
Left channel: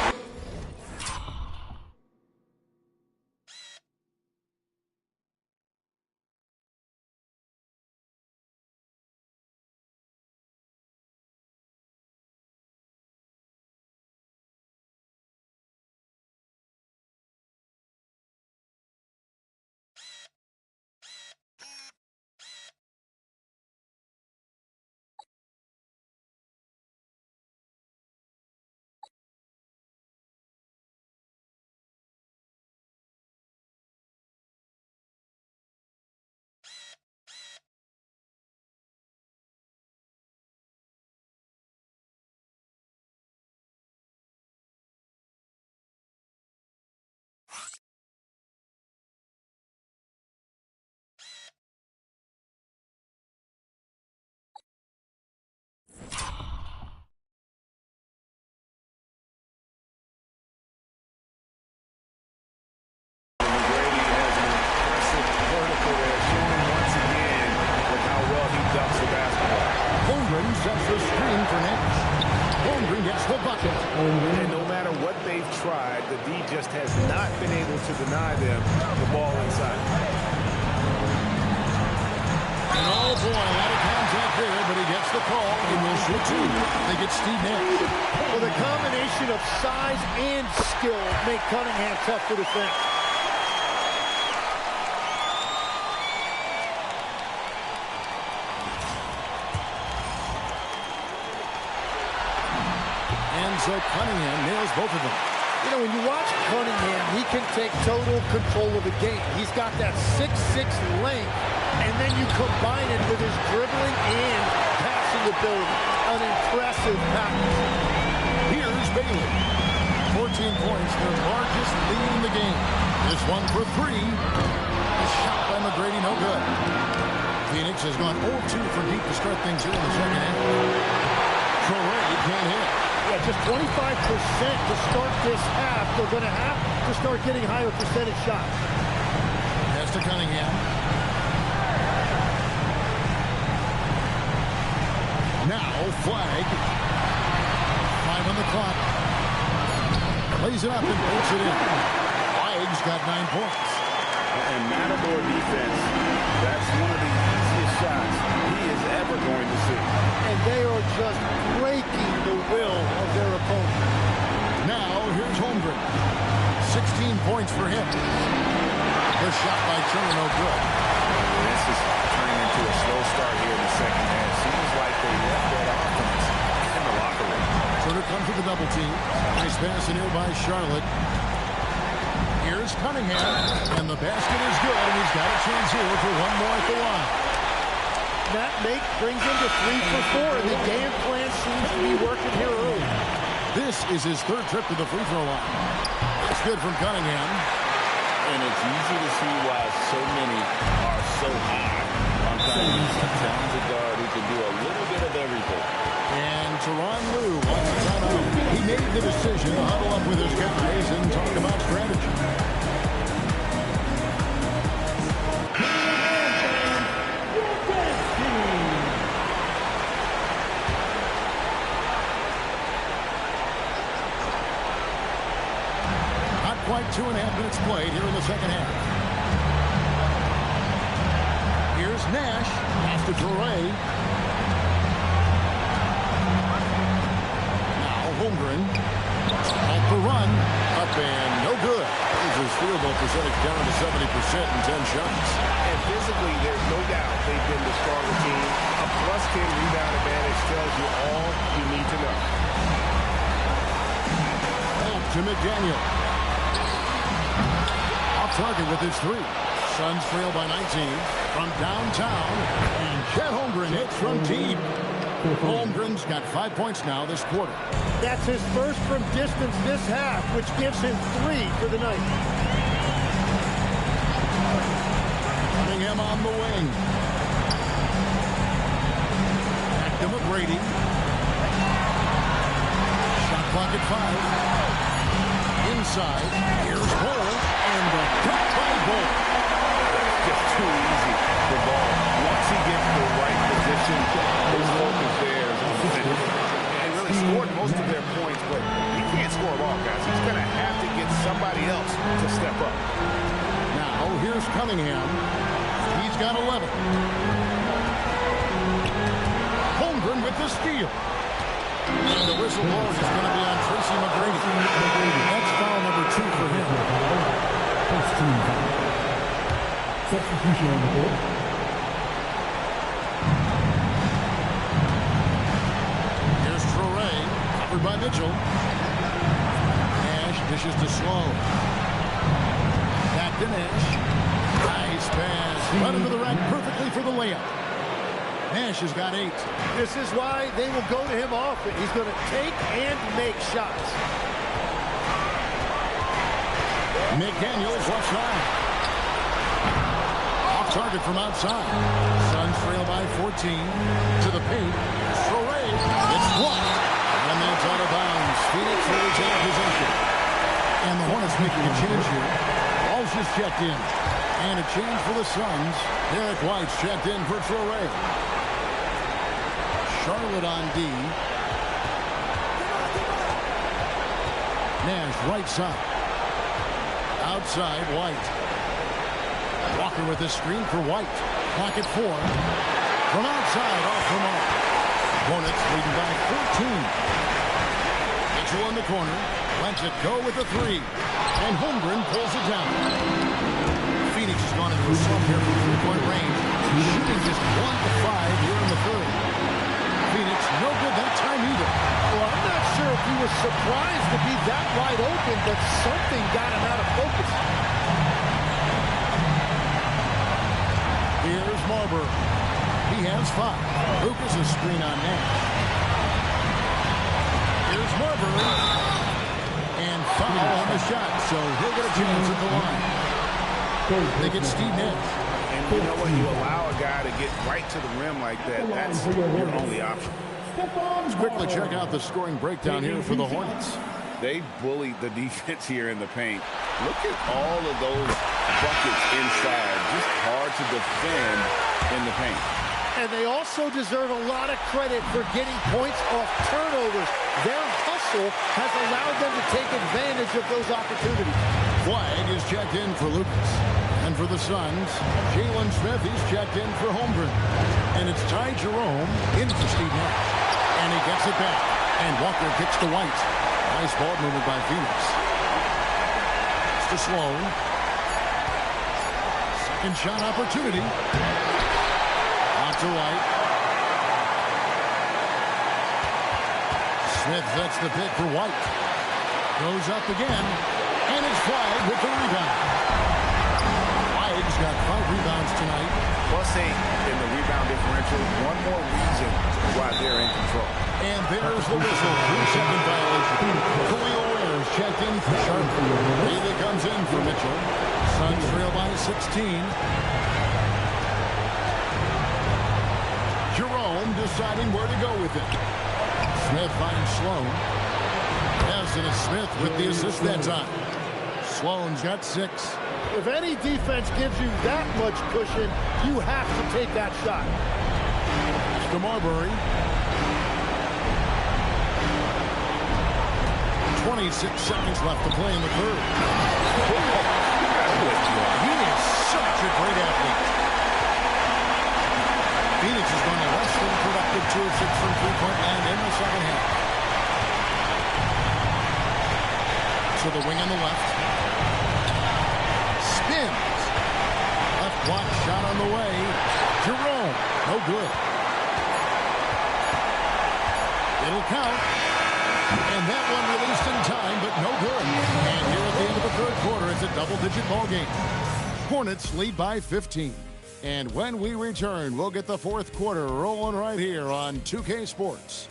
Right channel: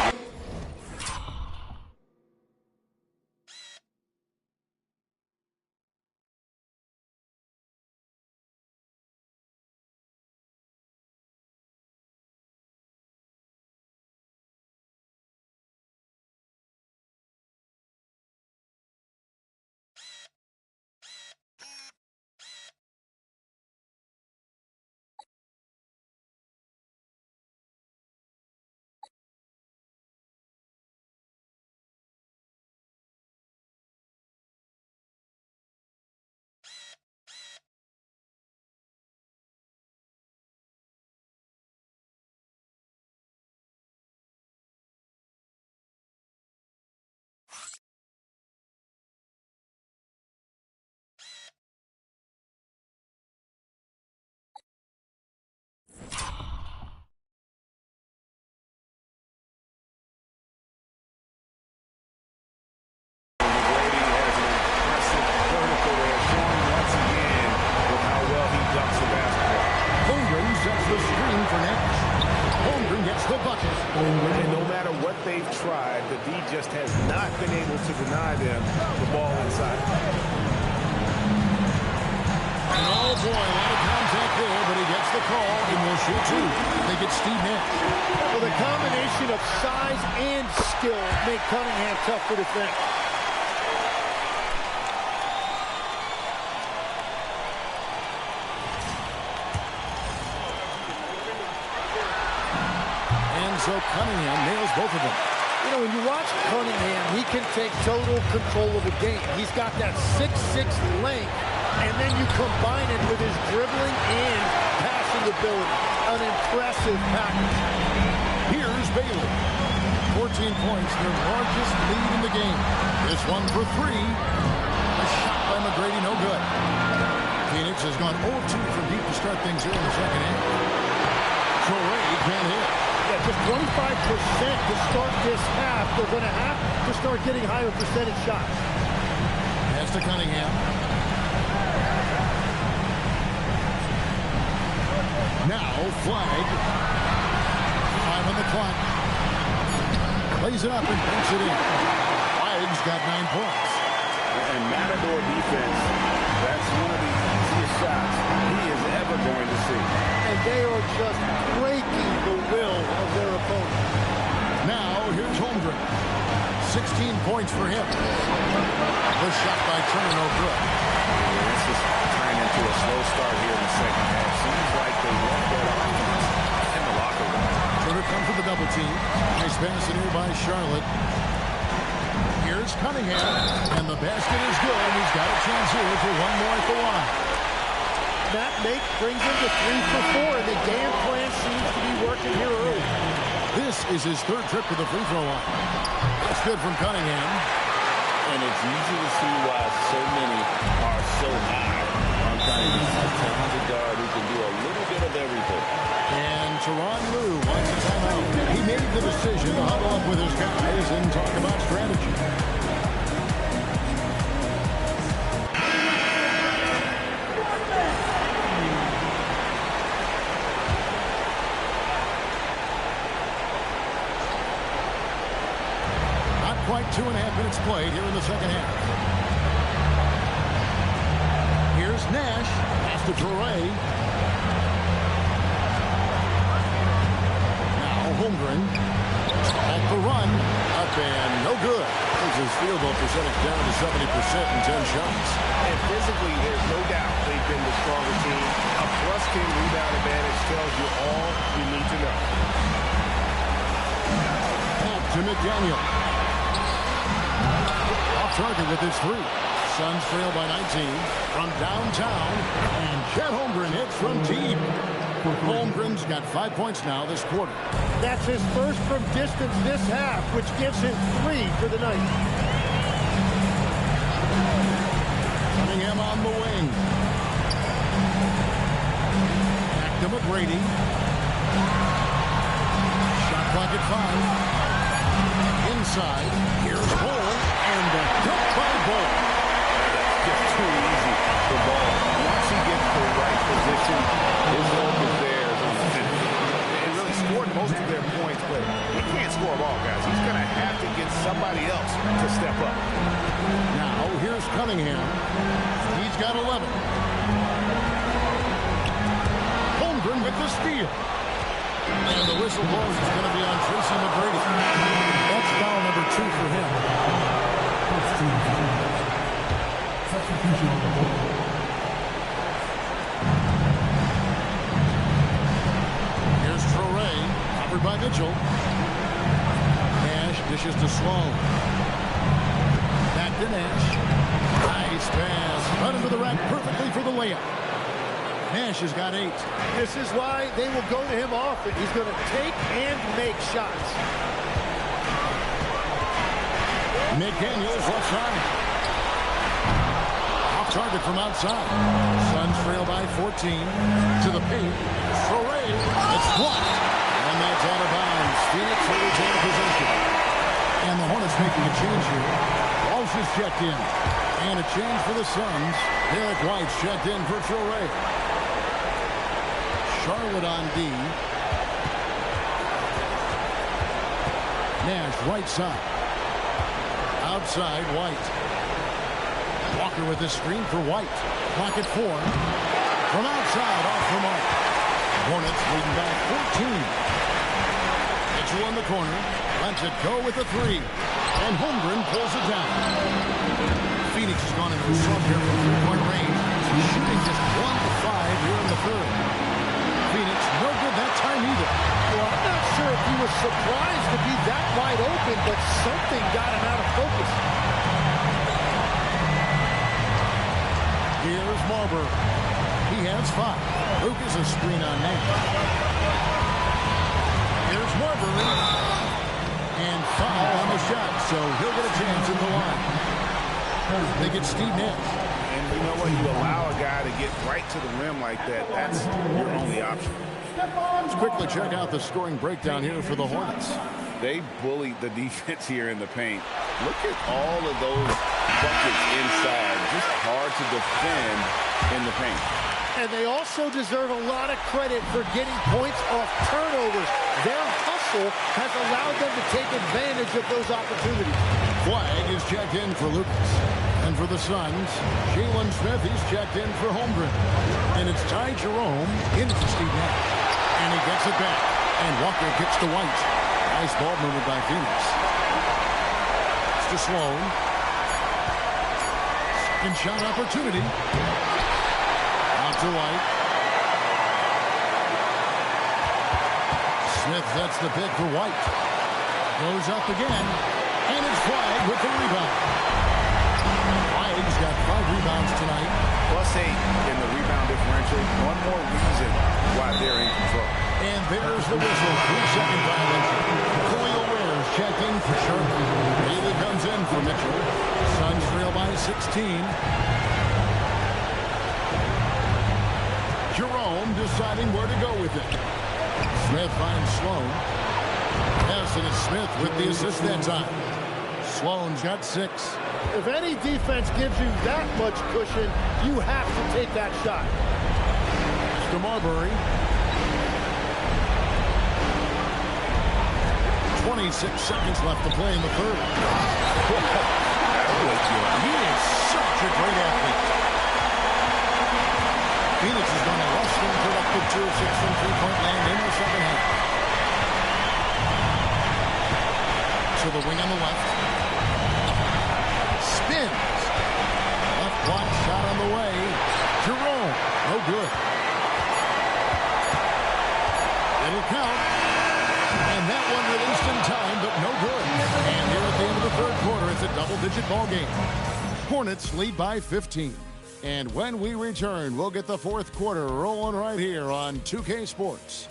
hustle there, showing once again with how well he dunks the basketball. Holmgren sets the screen for Nash. Holmgren gets the bucket. And no matter what they've tried, the D just has not been able to deny them the ball inside. And oh boy, a lot of contact there, but he gets the call and will shoot two. They get Steve Nash. Well, the combination of size and skill make Cunningham tough to defend. And so Cunningham nails both of them. You know, when you watch Cunningham, he can take total control of the game. He's got that 6'6" length, and then you combine it with his dribbling and passing ability. An impressive package. Here's Bailey. 14 points, their largest lead in the game. This one for three. A shot by McGrady, no good. Phoenix has gone 0-2 from deep to start things here in the second half. Torrey can't hit. Yeah, just 25% to start this half. They're going to have to start getting higher percentage shots. Pass to Cunningham. Now Flagg. 5 on the clock. Plays it up and banks it in. Flagg's got 9 points. And Matador defense, that's one of the easiest shots he is ever going to see. And they are just breaking the will of their opponent. Now, here's Holmgren. 16 points for him. The shot by Turner, no good. Yeah, this is turning into a slow start here in the second half. Seems like they left that offense in the locker room. Turner comes with a double team. Nice pass in here by Charlotte. Here's Cunningham, and the basket is good, and he's got a chance here for one more at the line. That make brings him to 3 for 4, and the game plan seems to be working here early. This is his third trip to the free throw line. That's good from Cunningham. And it's easy to see why so many are so high on Cunningham. A talented guard who can do a little bit of everything. And Tyronn Lue wants a timeout. He made the decision to huddle up with his guys and talk about strategy. Not quite 2.5 minutes played here in the second half. Here's Nash. Pass to Torrey. Holmgren at the run, up and no good. Brings his field goal percentage down to 70% in 10 shots. And physically, there's no doubt they've been the stronger team. A +10 rebound advantage tells you all you need to know. Back to McDaniel. Off target with his three. Suns trail by 19 from downtown, and Chet Holmgren hits from deep. Holmgren's got 5 points now this quarter. That's his first from distance this half, which gives him 3 for the night. Cunningham on the wing. Back to McGrady. Shot clock at 5. Inside. Here's Bull, and the dunk by Bull. That's just too easy for Ball. Once he gets the right position, his focus there is on the finish. And really scored most of their points, but he can't score them all, guys. He's going to have to get somebody else to step up. Now, here's Cunningham. He's got 11. Holmgren with the steal. And the whistle blows is going to be on Tracy McGrady. That's foul number 2 for him. First team foul. Substitution on the court. Here's Torrey, covered by Mitchell. Nash dishes to Sloan. Back to Nash. Nice pass. Run into the rack perfectly for the layup. Nash has got 8. This is why they will go to him often. He's going to take and make shots. McDaniels left side. Off target from outside. Suns trail by 14. To the paint. Torrey. It's blocked. And that's out of bounds. Phoenix will retain possession. And the Hornets making a change here. Walsh is checked in. And a change for the Suns. Derek White's checked in for Traore. Charlotte on D. Nash right side. Outside White. Walker with the screen for White. Clock at 4. From outside off the mark. Hornets leading by 14. Mitchell in the corner. Lets it go with a 3. And Holmgren pulls it down. Phoenix has gone into a slump here from three-point range. Shooting just 1 of 5 here in the third. Phoenix no good that time either. Well, I'm not sure if he was surprised to be that wide open, but something got him out of focus. Here's Marbury. He has 5. Lucas a screen on Nash. Here's Marbury. And foul on the shot, so he'll get a chance at the line. They get Steve Nash. And you know what? You allow a guy to get right to the rim like that. That's your only option. Let's quickly check out the scoring breakdown here for the Hornets. They bullied the defense here in the paint. Look at all of those buckets inside. Just hard to defend in the paint. And they also deserve a lot of credit for getting points off turnovers. Their hustle has allowed them to take advantage of those opportunities. Flagg is checked in for Lucas. And for the Suns, Jalen Smith, he's checked in for Holmgren. And it's Ty Jerome into Steve Nash. And he gets it back. And Walker kicks to White. Nice ball movement by Phoenix. It's to Sloan. Second shot opportunity. Out to White. Smith sets the pick for White. Goes up again. And it's Flagg with the rebound. Flagg's got 5 rebounds tonight. +8 in the rebound differential. One more reason why they're in control. And there's the whistle. 3-second violation. Khalil Ware's checked in for Sharp. Bailey comes in for Mitchell. Suns trail by 16. Jerome deciding where to go with it. Smith finds Sloan. Yes, and it's Smith with the assist that time. Sloan's got 6. If any defense gives you that much cushion, you have to take that shot. To Marbury. 26 seconds left to play in the third. That'll wake you up. He is such a great athlete. Phoenix has gone a less than productive 2 of 6 from three-point land in the second half. To the wing on the left. Spins. Left block shot on the way. Jerome. No good. It'll count. And that one released in time, but no good. And here at the end of the third quarter, it's a double-digit ball game. Hornets lead by 15. And when we return, we'll get the fourth quarter rolling right here on 2K Sports.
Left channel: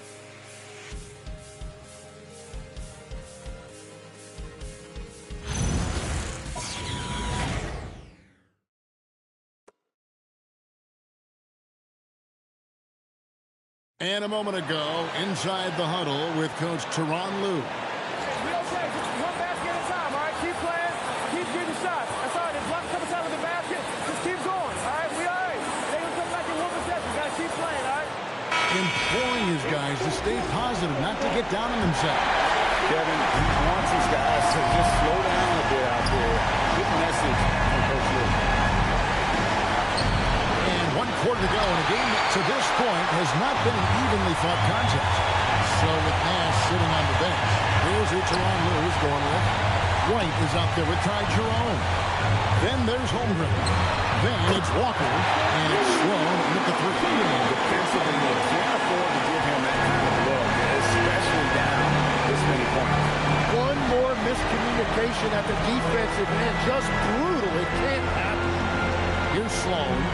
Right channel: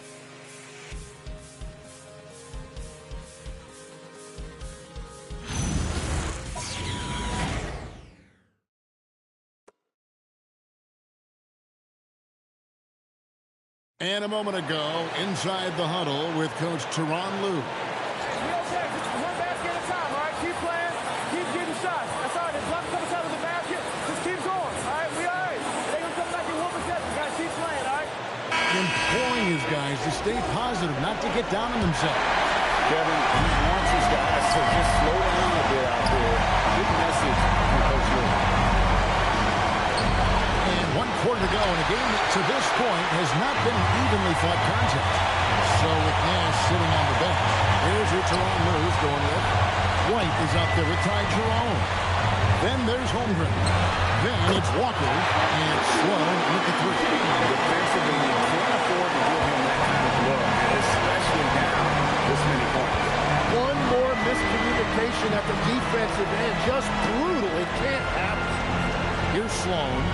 And a moment ago, inside the huddle with Coach Tyronn Lue. We okay. Just one basket at a time, all right? Keep playing. Keep getting shots. That's all right. There's blocked a couple times with the basket. Just keep going, all right? We all right. They gonna come back in one possession. Got to keep playing, all right? Imploring his guys to stay positive, not to get down on themselves. Kevin, he wants his guys to just slow down a bit out there. Good message from Coach Lue. And 1 quarter to go in a game that to this point has not been an evenly fought contest. So with Nash sitting on the bench, here's who Tyronn Lue's going with. White is out there with Ty Jerome. Then there's Holmgren. Then it's Walker, and it's Sloan with the 3. Defensively, you can't afford to give him that kind of look, especially down this many points. One more miscommunication at the defensive end. Just brutal. It can't happen. Here's Sloan.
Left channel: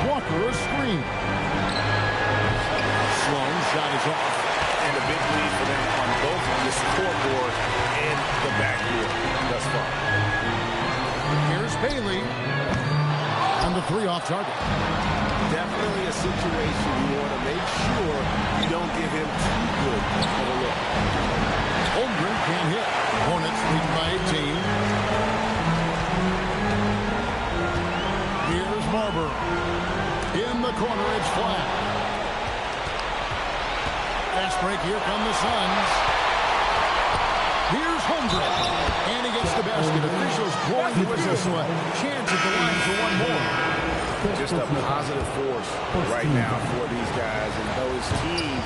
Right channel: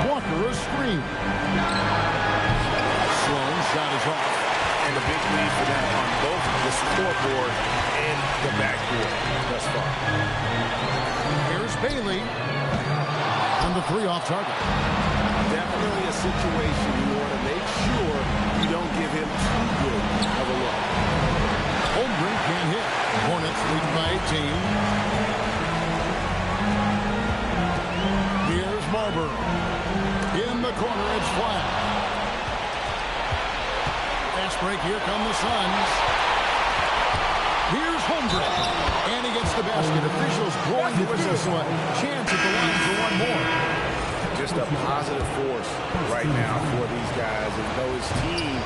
Walker a screen. Sloan shot is off. And a big lead for them on both the scoreboard and the backboard thus far. Here's Bailey. And the 3 off target. Definitely a situation you want to make sure you don't give him too good of a look. Holmgren can't hit. Hornets leading by 18. Here's Marbury. In the corner, it's Flagg. Fast break, here come the Suns. Here's Holmgren. And he gets the basket. Officials blowing the whistle, so a chance at the line for one more. Just a positive force right now for these guys. And though his team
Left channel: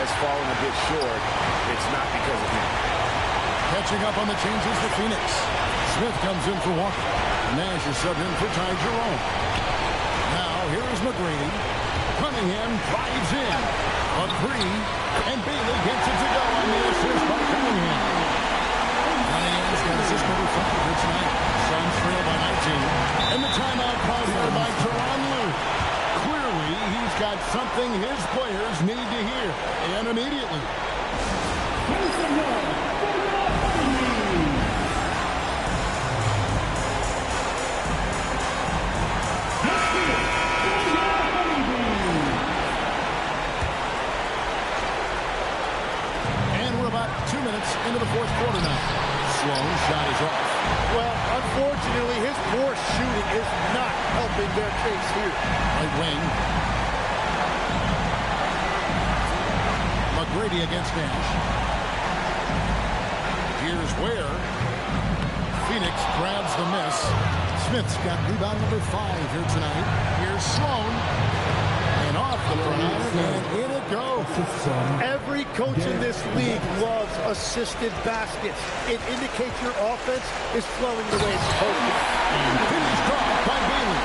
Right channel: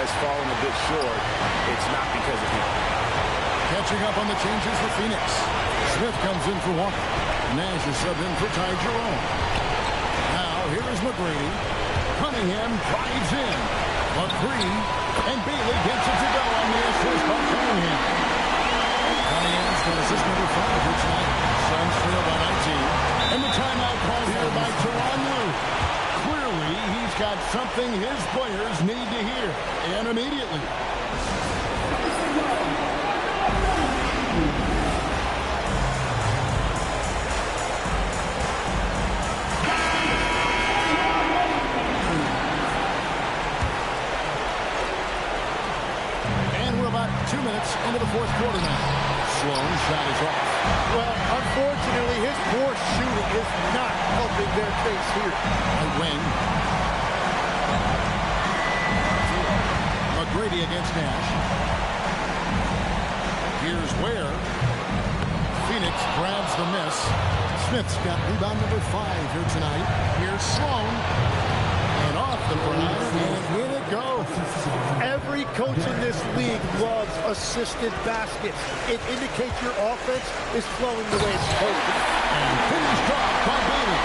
has fallen a bit short, it's not because of him. Catching up on the changes for Phoenix. Smith comes in for Walker. Nash is subbed in for Ty Jerome. Now, here is McGrady. Cunningham drives in. A three, and Bailey gets it to go on the assist by Cunningham. Cunningham's got assist number 5 here tonight. Suns trail by 19. And the timeout called here by Tyronn Lue. Clearly, he's got something his players need to hear, and immediately. And we're about 2 minutes into the fourth quarter now. Sloan shot is off. Well, unfortunately, his poor shooting is not helping their case here. Right wing. McGrady against Nash. Here's Ware. Phoenix grabs the miss. Smith's got rebound number 5 here tonight. Here's Sloan. And off the front iron, and in it goes. Every coach in this league loves assisted baskets. It indicates your offense is flowing the way it's supposed to. And finished off by Bailey.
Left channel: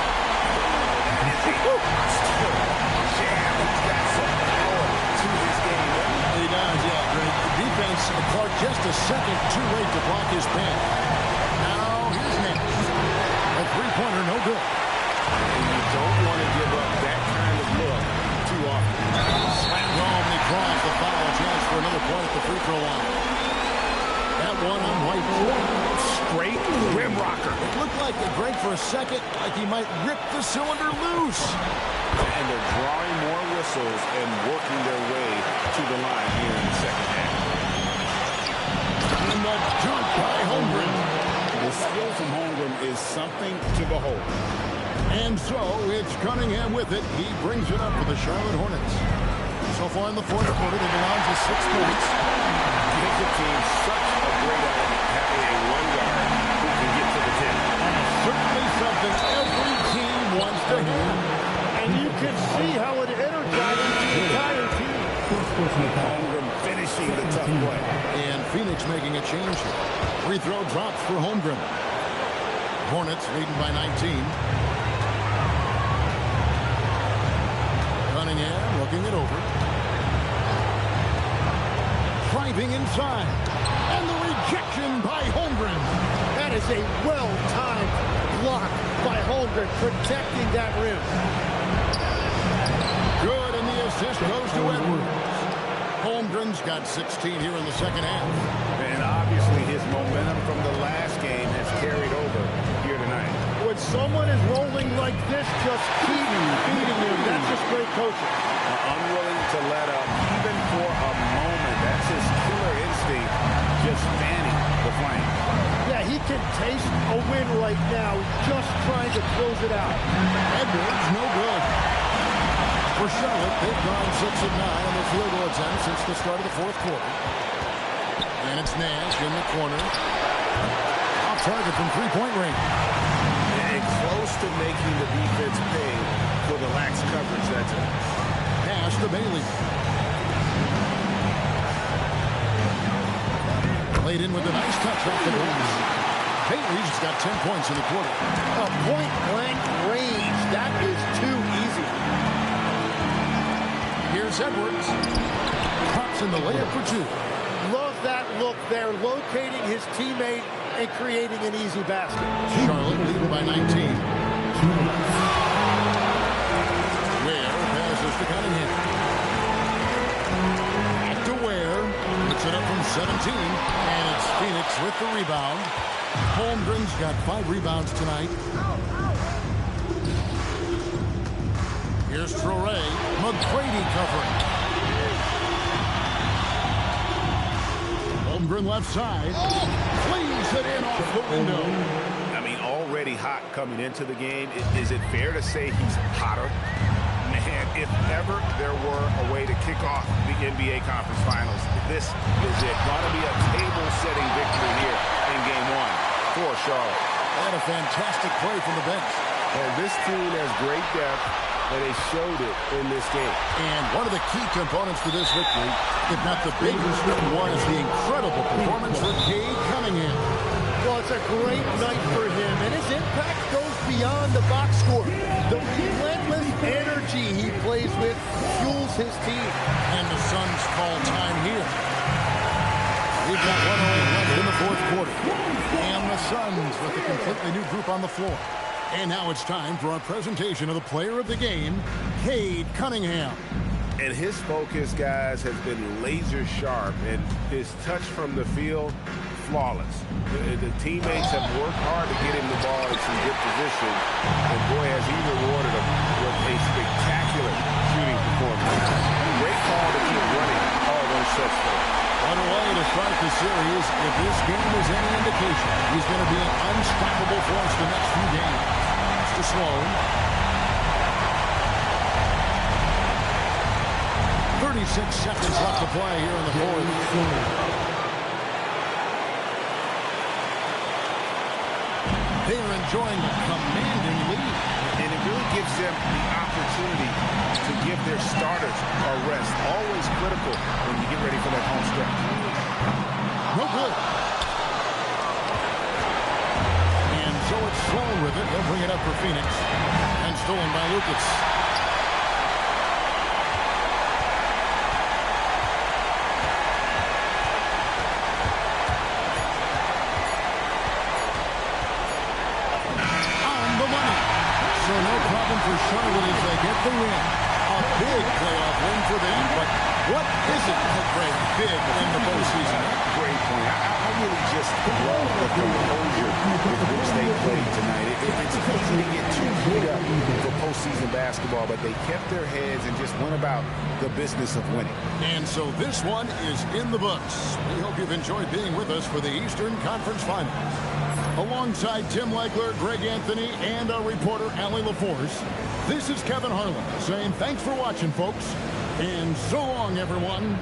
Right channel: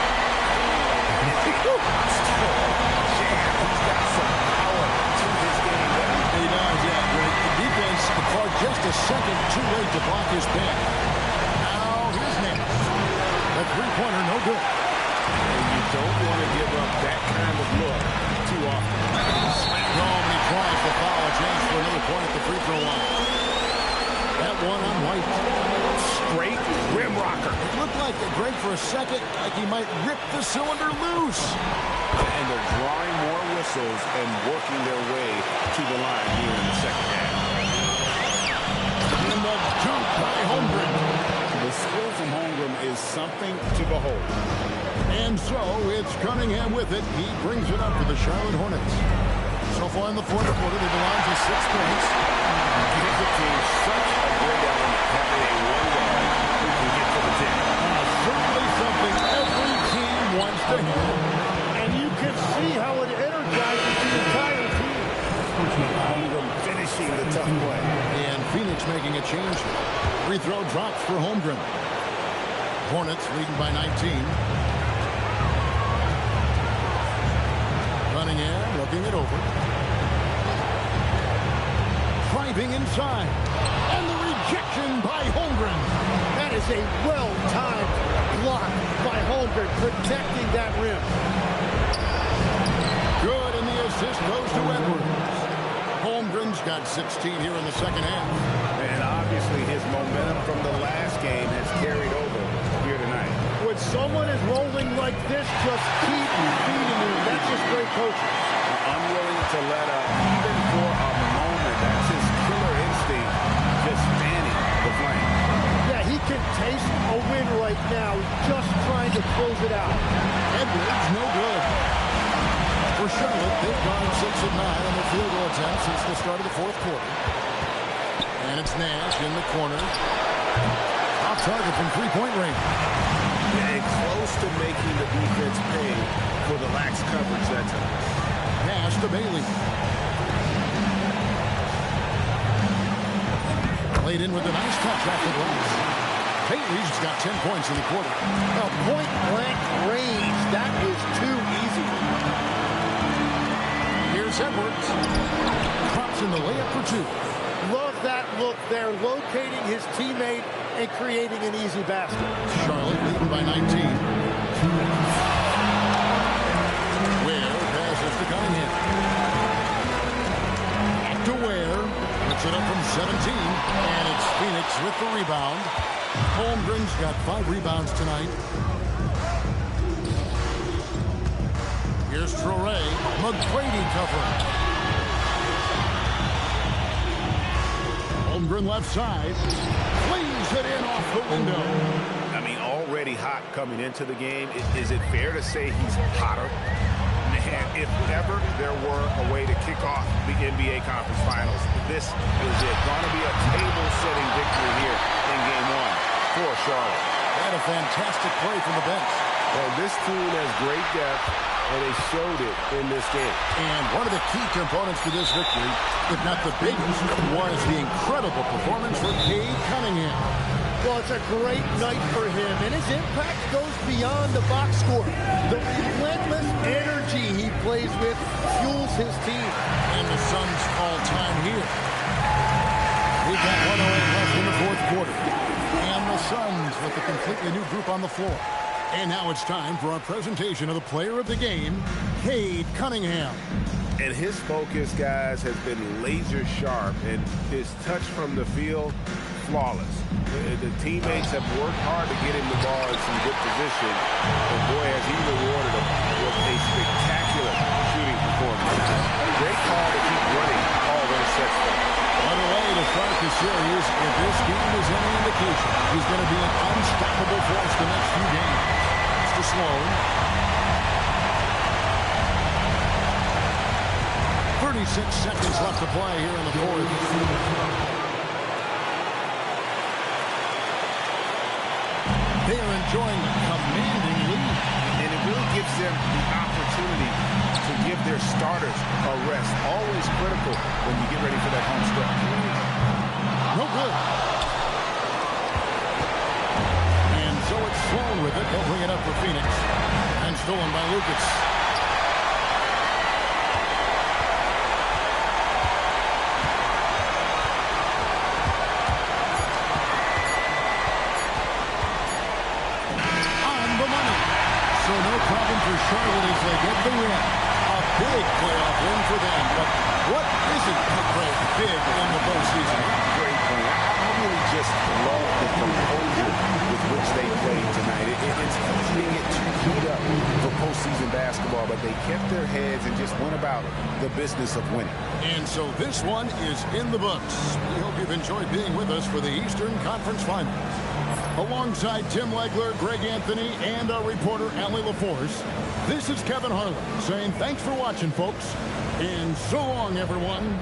That is a monster jam. He's got some power to his game, doesn't he? He does, yeah, Greg. Defense, Clark just a second too late to block his pass. Now, here's Nash. A three-pointer, no good. And you don't want to give up that kind of look too often. Slammed home, and he draws the foul. A chance for another point at the free throw line. That one on White. Straight rim rocker. It looked like, Greg, for a second, like he might rip the cylinder loose. And they're drawing more whistles and working their way to the line here in the second half. And the dunk by Holmgren. The skill from Holmgren is something to behold. And so it's Cunningham with it. He brings it up for the Charlotte Hornets. So far in the fourth quarter, they belong to 6 points. Gives the team such a great element having a one guard who can get to the tip. Certainly something every team wants to have. And you can see how it energizes the entire team. Holmgren finishing the tough play. And Phoenix making a change here. Free throw drops for Holmgren. Hornets leading by 19. Cunningham looking it over. Driving inside. And the rejection by Holmgren. That is a well-timed block by Holmgren, protecting that rim. Good, and the assist goes to Edwards. Holmgren's got 16 here in the second half. And obviously his momentum from the last game has carried over here tonight. When someone is rolling like this, just keep feeding him. That's just great coaching. Unwilling to let up even for a moment. That's his killer instinct, just fanning the flame. Yeah, he can taste a win right now. He's just trying to close it out. Edwards, no good. For Charlotte, they've gone 6 of 9 on their field goal attempts since the start of the fourth quarter. And it's Nash in the corner. Off target from three-point range. And close to making the defense pay for the lax coverage that time. Pass to Bailey. Played in with a nice touch off the glass. Bailey's got 10 points in the quarter. A point-blank range. That is too easy. Here's Edwards. Pops in the layup for 2. Love that look there, locating his teammate and creating an easy basket. Charlotte leading by 19. Ware passes to Cunningham. Back to Ware. Puts it up from 17. And it's Phoenix with the rebound. Holmgren's got 5 rebounds tonight. Here's Traore. McGrady covering. Holmgren left side. Flees it in off the window. A mean, already hot coming into the game. Is it fair to say he's hotter? Man, if ever there were a way to kick off the NBA Conference Finals, this is it. Going to be a table-setting victory here in Game 1 for Charlotte. And a fantastic play from the bench. And this team has great depth, and they showed it in this game. And one of the key components to this victory, if not the biggest, was the incredible performance for Cade Cunningham. Well, it's a great night for him, and his impact goes beyond the box score. The relentless energy he plays with fuels his team. And the Suns call time here. We've got 1:08 left in the fourth quarter. And the Suns with a completely new group on the floor. And now it's time for our presentation of the player of the game, Cade Cunningham. And his focus, guys, has been laser sharp, and his touch from the field, flawless. The teammates have worked hard to get him the ball in some good position, and boy, has he rewarded them with a spectacular shooting performance. Great call to keep running all those sets for him. What a way to start the series. If this game is any indication, he's going to be an unstoppable force the next few games. It's to Sloan. 36 seconds left to play here in the fourth. They are enjoying a commanding lead. And it really gives them the opportunity to give their starters a rest. Always critical when you get ready for that home stretch. No good. And so it's Sloan with it. He'll bring it up for Phoenix. And stolen by Lucas. So no problem for Charlotte as they get the win. A big playoff win for them. But what isn't a great big in the postseason? Great point. I really just love the composure with which they played tonight. It's easy to get too heat up for postseason basketball, but they kept their heads and just went about the business of winning. And so this one is in the books. We hope you've enjoyed being with us for the Eastern Conference Finals. Alongside Tim Legler, Greg Anthony, and our reporter, Allie LaForce, this is Kevin Harlan saying thanks for watching, folks, and so long, everyone.